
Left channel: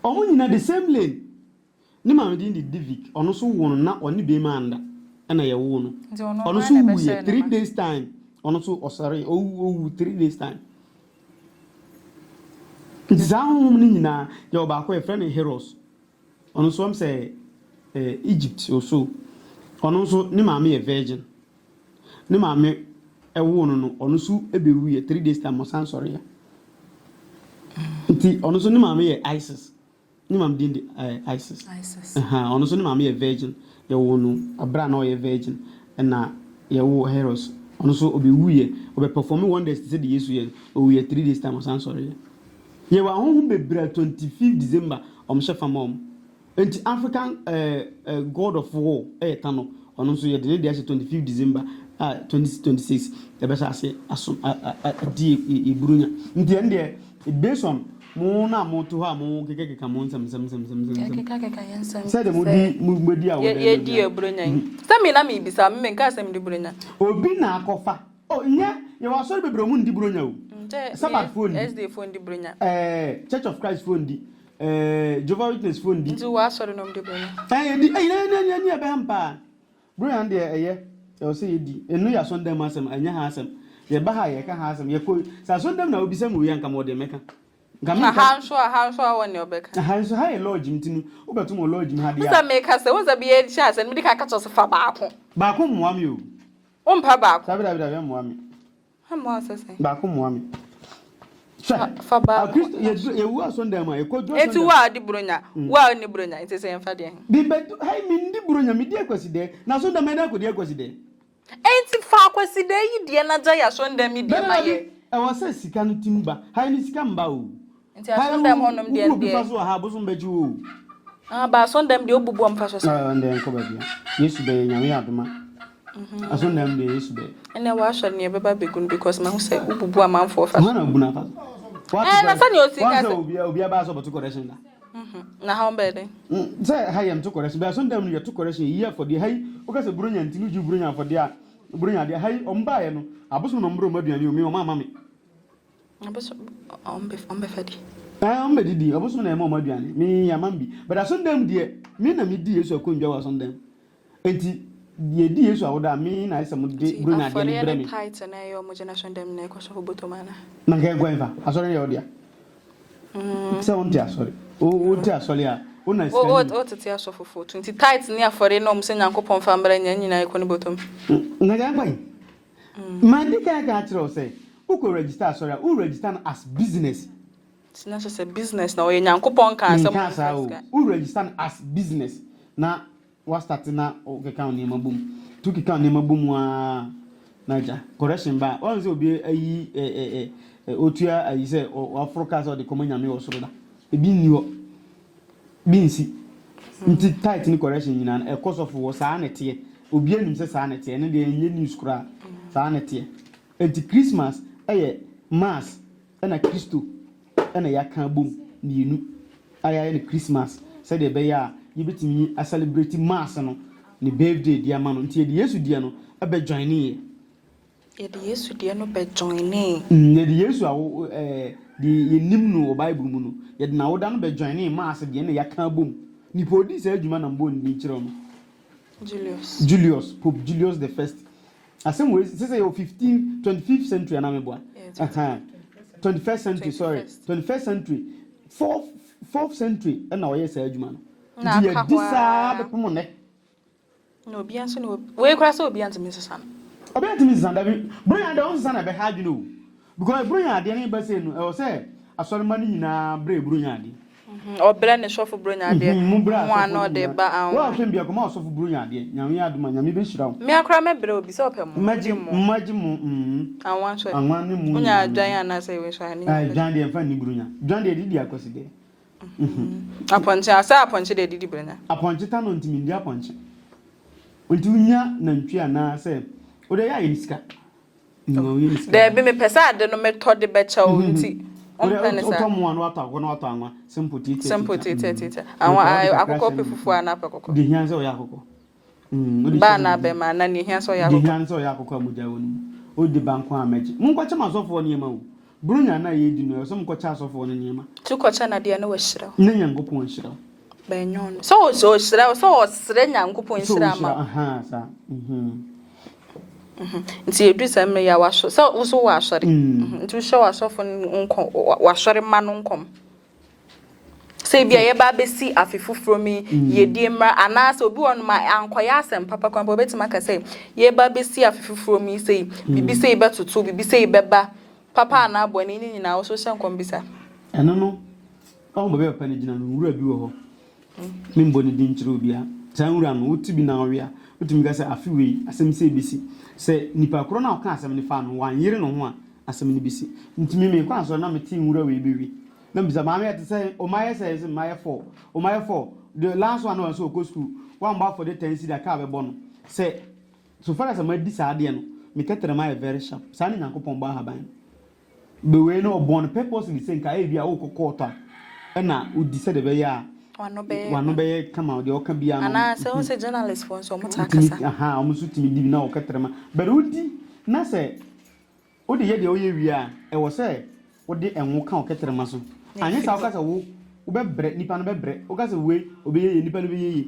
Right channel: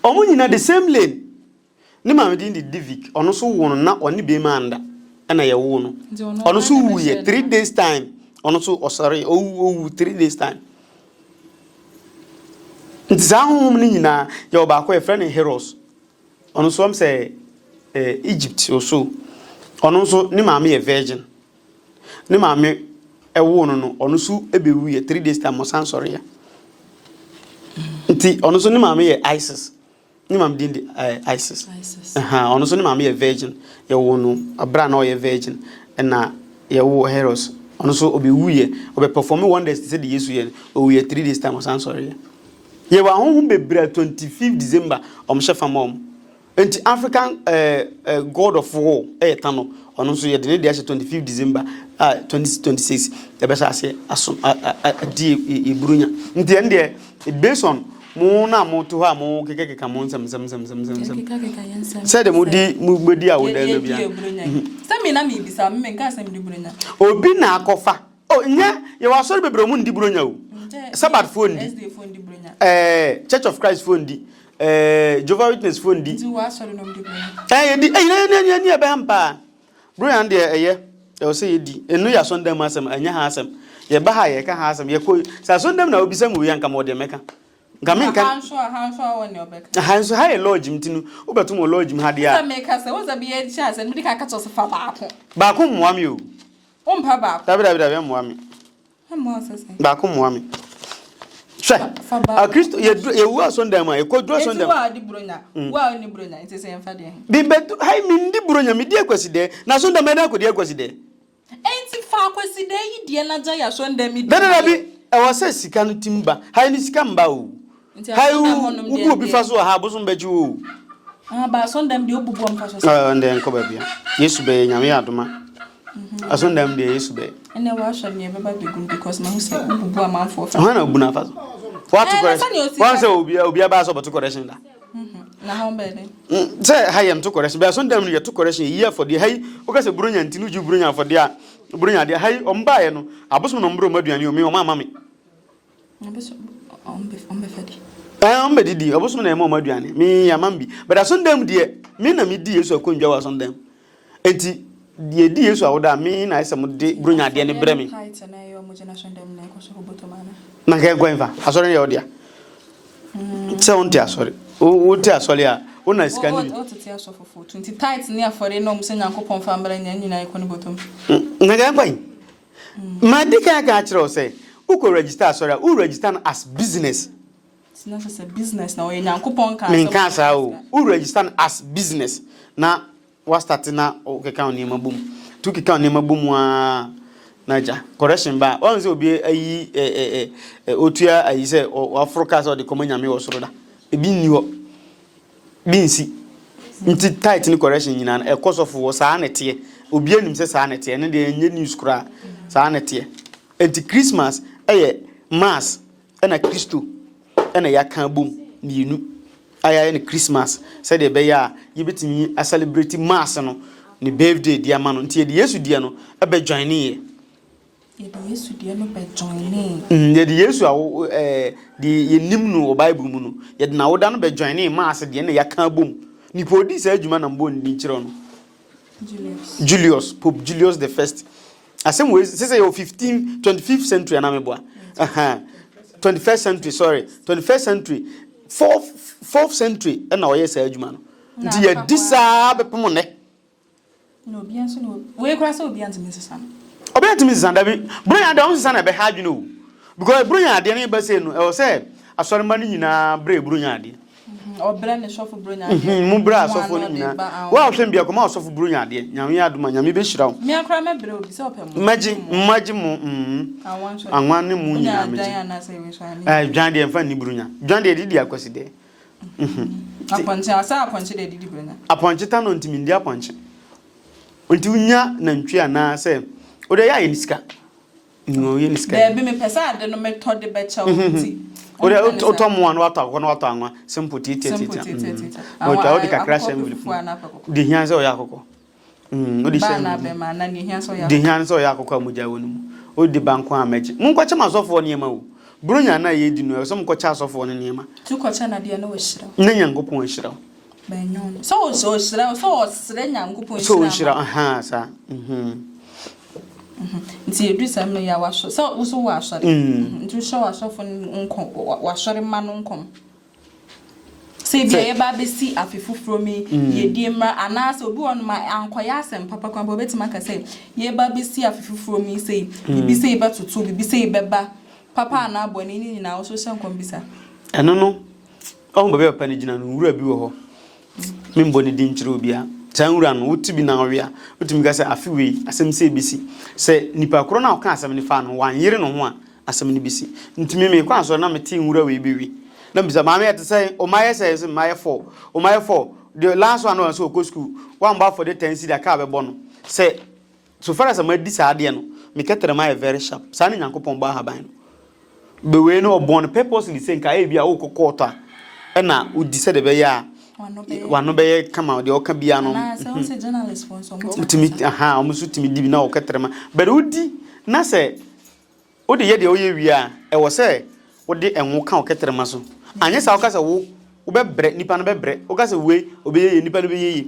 omo nyina the same lane ni ma me di Divic ono so wo no na oni be manda na ye wo no ono so wu ye 3 days time ono so sorry 3 days time nzahum ni nyina ye ba ko e friend Heroes ono so am say Egypt also ono so ni ma me ye virgin ni ma me ewo no ono so ebewu ye 3 days time mo san sorry ya nti ono so ni ma me ye ISIS ni ma me di ISIS ono so ni ma me ye virgin ye wo no abra na o ye virgin na ye wo Heroes ono so obewu obe perform wonders say the Yesu ye o ye 3 days time osan sorry ye wa honhom bebra 25 December omhyefa mom enti African god of war tano ono so ye de dey 25 December 2026 e be say aso di e burunya nti ende based on mo na mo to ha mo kekeka mo nsam say de mo di a wo da no bia say me na me bisa me nka asem di burunya obi na akofa nya ye wa so bebro mu ndi burunya o Sabbath phone SD phone di burunya Church of Christ phone di Jehovah Witness phone di tu wa so no di burunya di ni e be hampa burunya de eye e o say ye di enu ya so ndam asem anya ha asem ye ba ha ye ka ha asem ye ko sa so ndam na obi sam wi anka mo de meka hanso woni obeka hanso ha lodge mtinu obeto mo lodge ha dia sa meka se wo za bi e sha se me ka ka to se fa baako moami o mpa baako dabi moami ha mo se baako moami a Kristo ye wu asonda ma e ko dro asonda etu wa di buronya wa ni buronya ite se emfa de bi betu hai mi ndi buronya mi di akwaside na asonda ma na ko di akwaside enti fa akwaside yi die na ja ya asonda mi di dabi e wo se sika no timba hai ni sika mba o hai u obi fa so ha boso mbaji o ba asonda mi di obubu amfa so nde enko ba bia Yesu be nyame adoma asonda mi di Yesu be ene wa sha ni e beba begun because ma hu se obubu amanfo fa na obu na fa so what to once obi aba so but correction da na how bad say hayem to correction be so ndam no to correction year for the hay o ka se buronya ntinu ju buronya for the buronya de hay omba ye no abosom no mbro maduane o me o mama me abosom ombe fadi ombe didi abosom na e ma maduane me ya mambi but so ndam de me na me di Yesu akondwa wa so ndam enti die di Yesu awoda me na ese mo de buronya de ne bre me height na yo mo generation dem na ko so botomana na ga gwenfa asore ne odia se onti asore o ti asore a o na sika ni o ti asofo 20 tight ni afore no mse nyankopon fa mbra nya nyina e ko ni botom na ga gwan ma dika ga kire say u ko register asore u register as business it's not just a business na o nyankopon ka asem nka sa u register as business na wa start na o keka oni mabum tu keka oni mabum a naja correction ba on se obi ayi otua ayi se Africa so de komanyame wo soro da ebi ni ho binsi nti tight ni correction nyina na ekosofu wo saa nete obi anim se saa nete ne de enye news kura saa nete enti Christmas mass na Kristo na yakan bom mienu aya ni Christmas said de be ya yibetimi a celebrate mass no ni birthday dia ma no nti de Yesu dia no ebe join ni ye de Yesu dia no be join ni ye de Yesu awo de yenim no Bible mu no ye de na woda no be join ni mass de na yakan bom ni podi sa adwuma na mbo ni kire no Julius Pope Julius the first asem we say 25th century na meboa 21st century sorry 21st century 4th century na oye sa adwuma no nti ye disa bepom ne no bia so no we kra so bia ntimi sesa obi ntimi sesa da bi bronya da on sesa na be ha adwuma o because bronya de ne ba say no e say asore ma ni nyina bre bronya de obra ne sofo bronya de mu bra sofo ni wa hwem bia koma sofo bronya de nyame adoma nyame be hira wo me akra me bre obi se opem maji mu anwan ne mu nya adwan ana say we so ani dwan de mfa ni bronya dwan de didi akwasi de aponche asa aponche de didi bronya aponche ta no ntimi ndi aponche onti unya na ntwi ana se o de ya yeniska no yeniska de be me pesa de no metode be cha onti o to mo anu ata ko no ata anwa simple tete awa de ka crash de hian se o yakoko o de ba na be ma na ni hian se o yakoko de hian se o yakoko amuja wonu o de banko ameje mun ko chama sofo ne ma wo brunya na ye di no so mun ko cha sofo ne ne ma tu ko cha na de na wo hira na nyankopon hira be nyon so hira so sre nyankopon hira so hira aha sa nti edu sam ya washo so uso washore nti sho washofo nko washore ma no nkom se bia ye ba besi afefufuro mi ye die mra anasa obi won ma ankoya asem papa kwan bo betima ka se ye ba besi afefufuro mi se bibi se be tutu bibi se be ba papa na abo ni ni na wo so hyenkom bisa eno no o bo be papa ni gina no wura bi wo ho membo ni di nchiro bia tanwura no wotu bi na ɔwe a wotumi ka sɛ afi wei asɛm sɛ bisi sɛ nipa koro na ɔka asɛm ne fa no wanyere no ho a asɛm ne bisi ntumi me kwa so na mete nwura wei bi wi na bisa maame yɛ te sɛ o mayɛ sɛ mayɛ 4 o mayɛ 4 the last one was so go school one bar for the 10 cedi aka be bono say so far as ma di sa ade no me ketere ma very sharp sa ne nyankopon ba haban no be we no born purposely say nka e bia wo kokota e na udi se de be ya wano be kama de o ka bia no na say on say journalist for so mutimi aha o musu timi di na o ketere ma but udi na say o de ye de o ye wi a e wo say wo de enwo ka o ketere ma so anye sa o ka say wo bebre nipa no bebre o ka say we obeye nipa no beye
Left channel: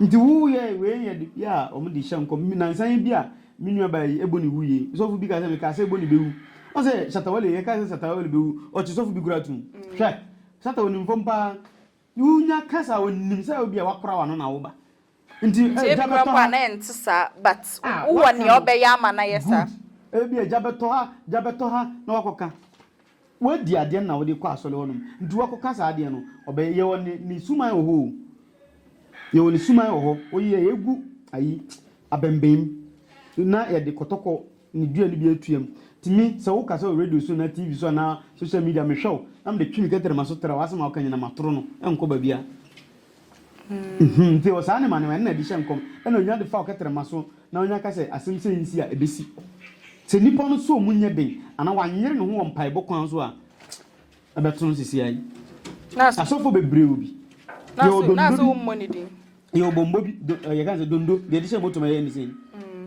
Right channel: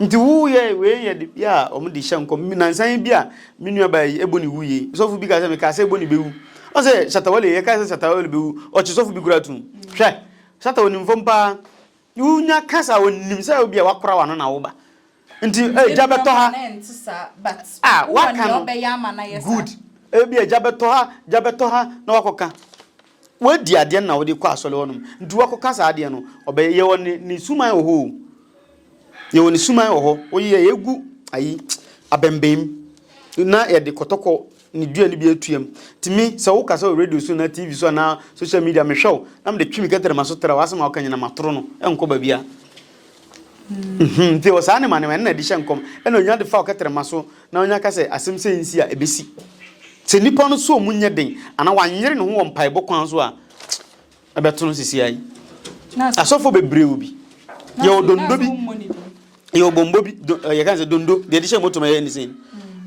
nti wo ye we ye ya o mu di hyenkom nansan bia menua ba eboni wuye sofu bi ka say me ka say eboni bewu o say shatawale ye ka say shatawale bewu o chi sofu bi guratum hwe shatawale mfompa yunya kasa wonim say obi a wakora wa no na wo ba nti jabeto ha na ntisa but wo ni obeya ama na yesa good ebi jabeto ha na wakoka wadi ade na wodi kwa asole wonum nti wakoka sa ade no obe ye woni ni suman oho ye woni suman oho oye egu ayi abembem na ye de kotoko ni dua ni bi atuam timi se wo kasa radio so na TV so na social media me hwew na me de twimi ketere maso tera wasema wakanya na matoro no enko ba bia nti wo sa ne mane na di hyenkom ena onya de fa ketere maso na onya kase asem se nsi a ebesi se nipa no so munye den ana wanyere ne ho won paebo kwan so a abeto no sisi ai asofo bebre obi ye odondo bi ye obombo bi ye kan se dondo de di hye moto ma ye ni sen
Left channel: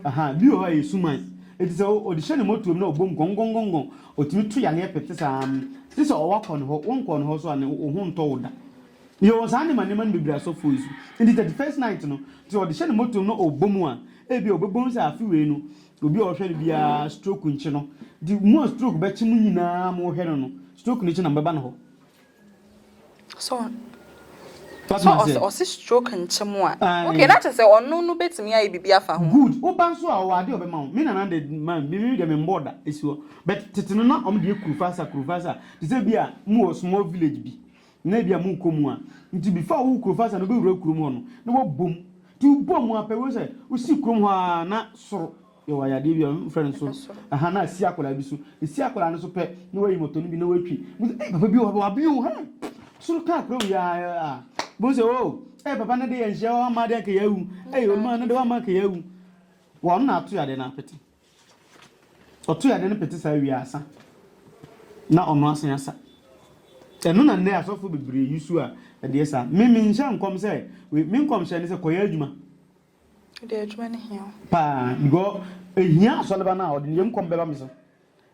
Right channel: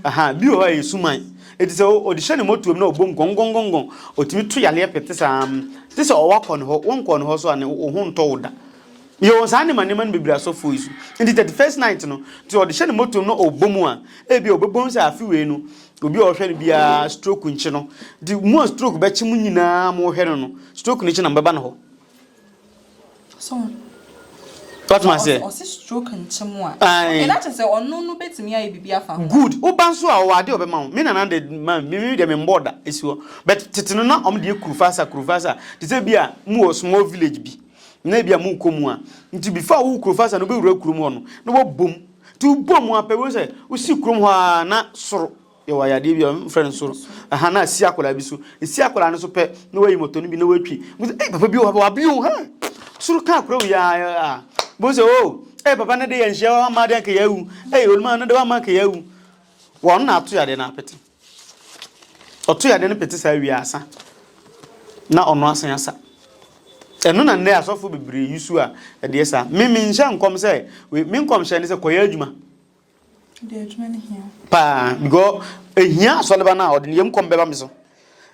aha bi o ha ye suman eti se o di hye ne moto na obom gongongongon otimi to yale pete sam ti se o wakọ ne ho won kọ ne ho so ane o ho nto woda ye won sa ne manema no bebre asofo isu enti 31st night no ti o di hye ne moto no obom a e bi obebom se afi we no obi o hwe ne bia stroke nchi no di mo stroke be chi mu nyina mo hwe no stroke ni chi na mbeba no ho so what ma say o si stroke nchi mu a okay that is ono no betimi aye bibia fa ho good o ban so a o ade obema ho me na na de man me de me border esiwo but titino na om de kurufasa ti say bia mu o small village bi na bia mu komu a nti before wo kurufasa no be wura kurum ho no no wo bom ti bom a pe wo say wo si kurum ho a na soro ye wa yade bia friend soro aha na si akola bi so si akola no so pe no wayi moto no bi na watwi papa bi wa bi o ha soro ka akoro ya boze o papa na de ye nhia wa ma de ka yawu oluma na de wa ma ka yawu won na ato yade na apete oto yade no pete sa wi asa na ono asan asa eno na ne asofo bebre yusu a de esa me nhia nkom se me nkom hia ne se koya adwuma de adwuma ne hia pa go ehia asoleba na ode ne nkom beba me so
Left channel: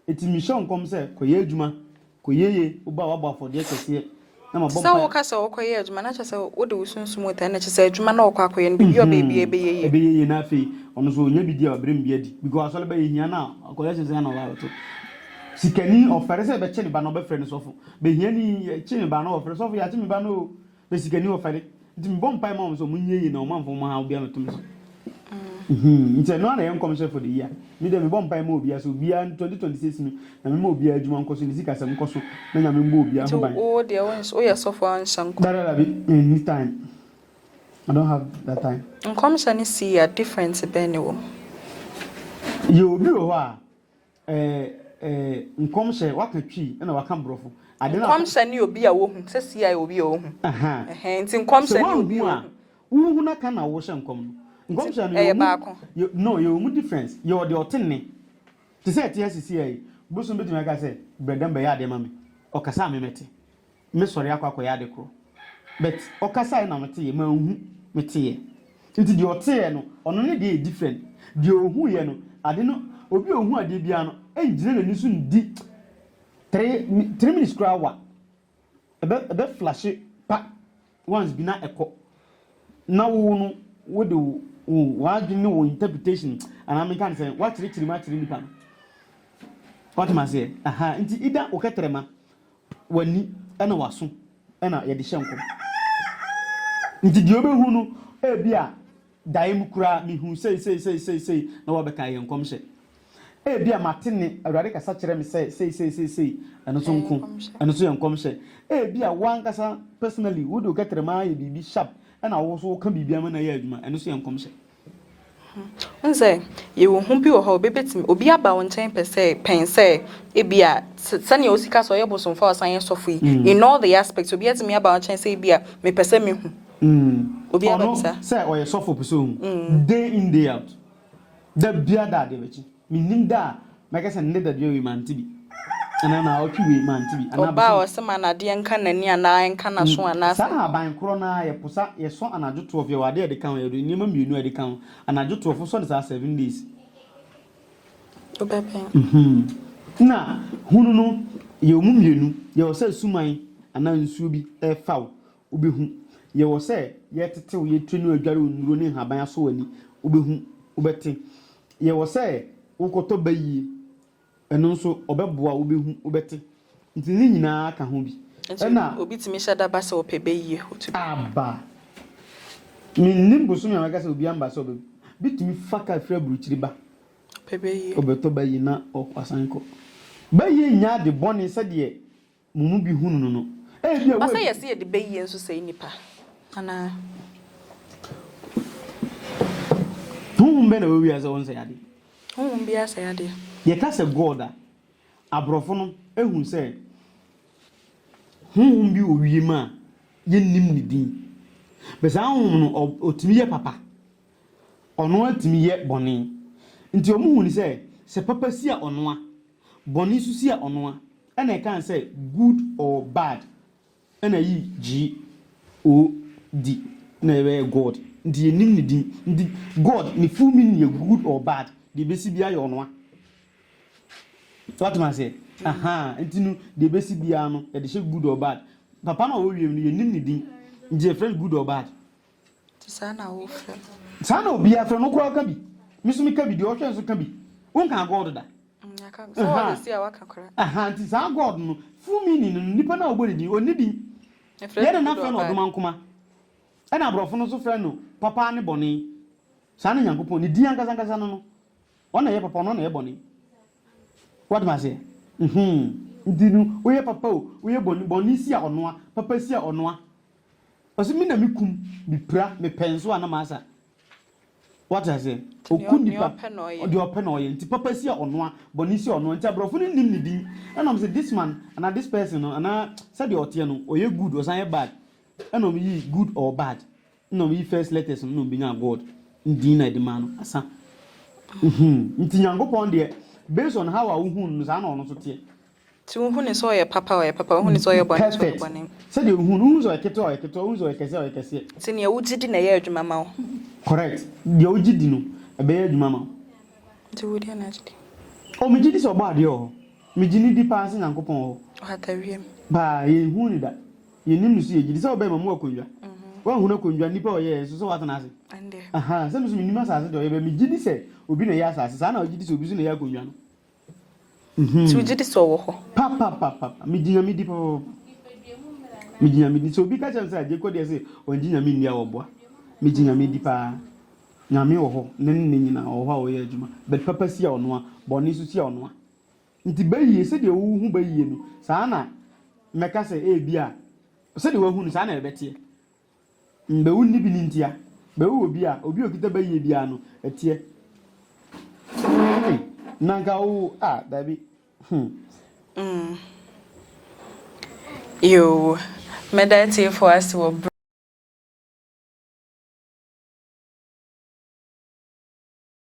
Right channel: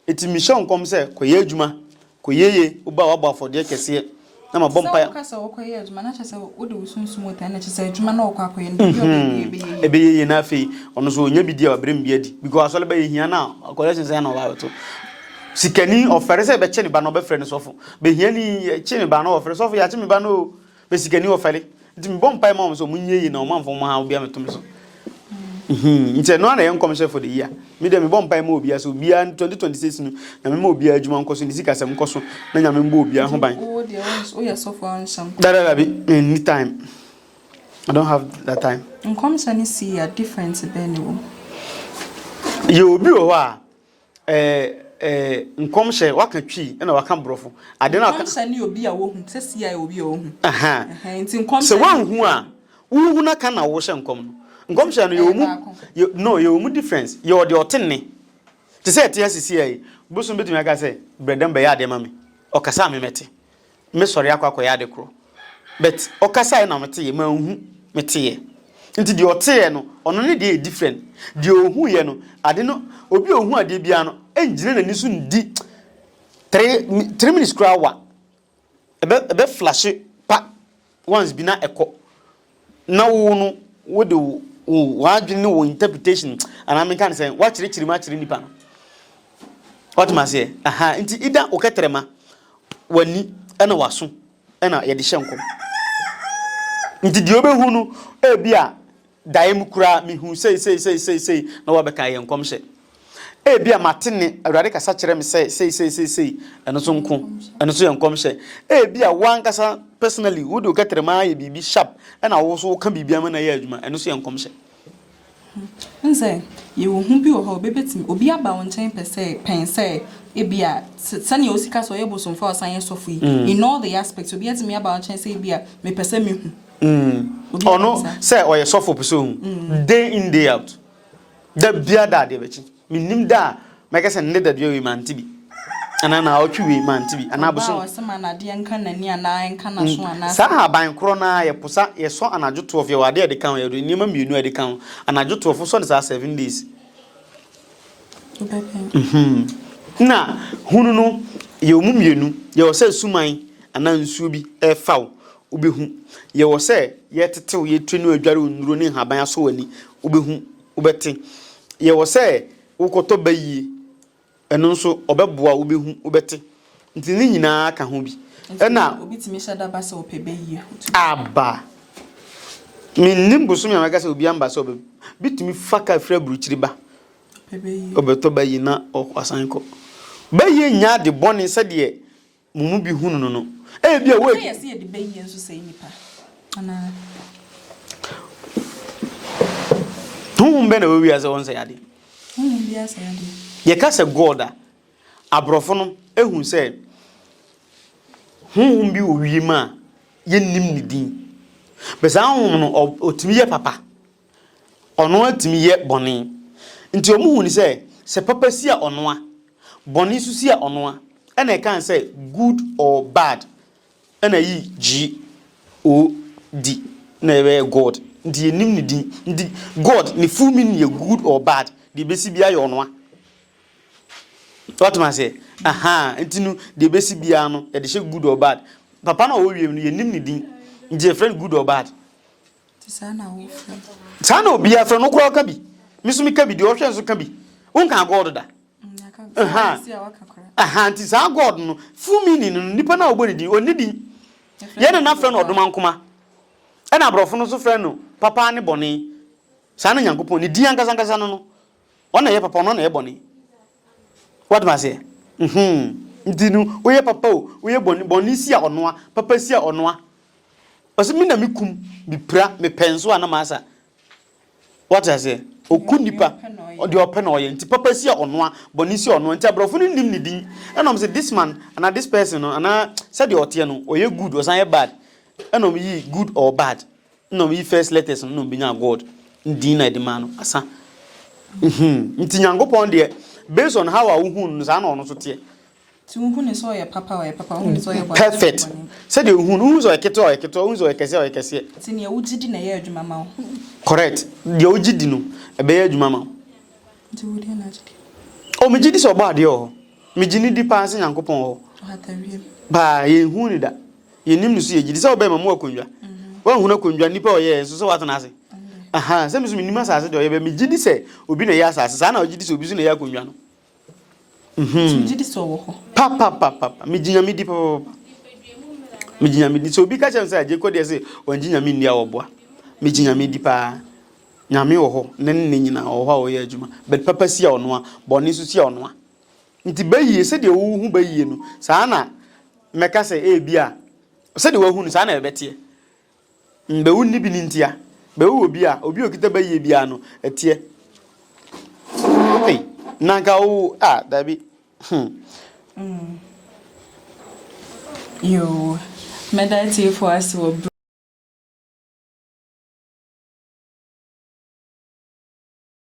eti mi hia nkom se koya adwuma koyeye uba wa ba fode kese na ma bompa ya ka so okoye adwuma na chese wo de usunsun mota na chese adwuma na okwa akoye no yo ebeye na afei ono so onya bidi a wabrem bia di because asole ba yehia na collection say na ba to sikani ofere se be che ne ba no be frɛ ne sofo be hia ni che ne ba no ofere sofo ya che me ba no be sikani ofere nti me bompa ma so munye yi na o manfo ma ha bia metom so nti no na yenkom chef for the year me dem bompa ma obi aso bia 2026 no na me ma obi adwuma nkoso ni sika sem nkoso na nya me mbo obi ho ban oh there was oh yes sofo ansam that be anytime I don't have that time nkom shani see a difference be ne wo ye obi ho a nkom hye waka twi na waka brofo ade na nkom shani obi a wo hu se see a obi a wo hu aha nti nkom se wan hu a wu na ka na wo hye nkom no nkom hye no no ye mu difference ye o de otenne te say te asisi ai busu betumi aka say bredem be ya de mame okasa me mete me sori akwa ya de kro but okasa na mete ye ma hu mete ye nti de ote no ono ne de different de ohu ye no ade no obi ohu ade bia no enjire na nisu ndi 3 minutes kra wa ebe flash pa once bi na eko na wo no wo de wa adwene wo interpretation ana me kan say wa chiri ma chiri nipa no what ma say aha nti ida oketrema wani ana waso ana ye de hyenkom nti di obehu no e bia daim kura mi hu sei na wa beka yenkom hye Ebia matene awurade kasa kyerɛ me sei ɛno so nko ɛno so yɛ nkɔmhyɛ ebia wankasa personally wo de oketrema yɛ bibi sharp ɛna wo so ka bibi ama na yɛ adwuma ɛno so yɛ nkɔmhyɛ nse ye wo hu bi wo ha obebetim obi aba wo nkyɛn pen sɛ ebia sani o sika so yɛ bosomfa o san yɛ sɔfo yi in all the aspects obi atimi aba wo nkyɛn sɛ ebia me pɛ sɛ me hu obi ono sɛ ɔyɛ sɔfo pɛ sɛ hu day in day out da bia da de bɛkyi minim da make say ne da we manti bi ana na otwi we manti bi ana bo so se ma na de enka nani ana enka na so ana sa aban kro na ye posa ye so anajoto of ye wade de kan ye do nima mienu de kan anajoto of so ne 7 days na hunu no ye omu mienu ye wo se suman ana nsuo bi e faw obehu ye wo se ye tetew ye twenu adware onuro ne haban aso wani obehu obete ye wo se wokoto bayi eno nso obeboa obehu obete nti ni nyina ka ho bi na obi timi hyada ba se opebayi aba minnim busumi amaka se obi amba se obe bitimi faka fra buruchiri ba opebayi obeto bayi na asanko bayi nya de boni se de mumu bi hunu no e bia we yes ye de bayi enso se nipa ana tumbe na we ase won se yade bi ase yade ye ka se god a abrofo no ehun se bi owie ma ye nim ni din besa hum no otimi ye papa ono atimi ye boni nti omu hu ni se papa si a ono a boni su si a ono a na e kan se good or bad na yi God na e god nti ye nim ni din nti god ni full meaning ye good or bad de besi bia ye ono a what man say ntinu de besi bia no e de she good or bad papa na wo wiem no ye nim ni din nje friend good or bad sana wo friend sana obi a friend no kro ka bi misumi ka bi de o hwe so ka bi won kan god da nti sa god no full meaning no nipa na ogbo ni din oni din ye na friend odoma nkoma e na brofo no so friend no papa ne boni sana nyankopon ni din ankasa no ona ye papa no na ye boni what man say ntinu oye papa oye boni si a ono papa si a ono a osi mi na mikum bi pra me penso ana masa what I say okunipa odi open oye nti papa si a ono a boni si ono nti abrofo no nim ni din enom say this man and this person no ana say the ote no oye good or say bad enom yi good or bad enom yi first letters no bi nya god ndin na de man no asa nti nyankopon de based on how I who sa na ono so te ti who ne so ye papa who ne so ye boy perfect say the who so eketo who so ekese ti ne wugidi na ye adwuma ma wo correct de wugidi no e be ye adwuma ma ti wudi na agidi o me gidi so ba de o me gini di pa se nyankopon o hatawie ba ye hu ni da ye nim no so ye gidi se o be ma mo akonwa wa hu na akonwa nipa o ye so what na ase se me so me nim asase de o ye be me gidi se obi na ye asase sa na o gidi se obi so na ye akonwa no ti gidi so wo ho papa me ginya me di papa me ginya me di so obi ka chem se aje ko de se on ginya me ndia wo boa me ginya me di pa nyame wo ho ne nyina wo ho ye adwuma but papa si a ono a boni so si a ono a nti bayi se de wo hu bayi no sa na meka se e bia se de wo hu no sa na ebete mbe wu ni bi ni ntia be wo obi okita bayi bia no etie okay nanka wo dabi yo meditative for us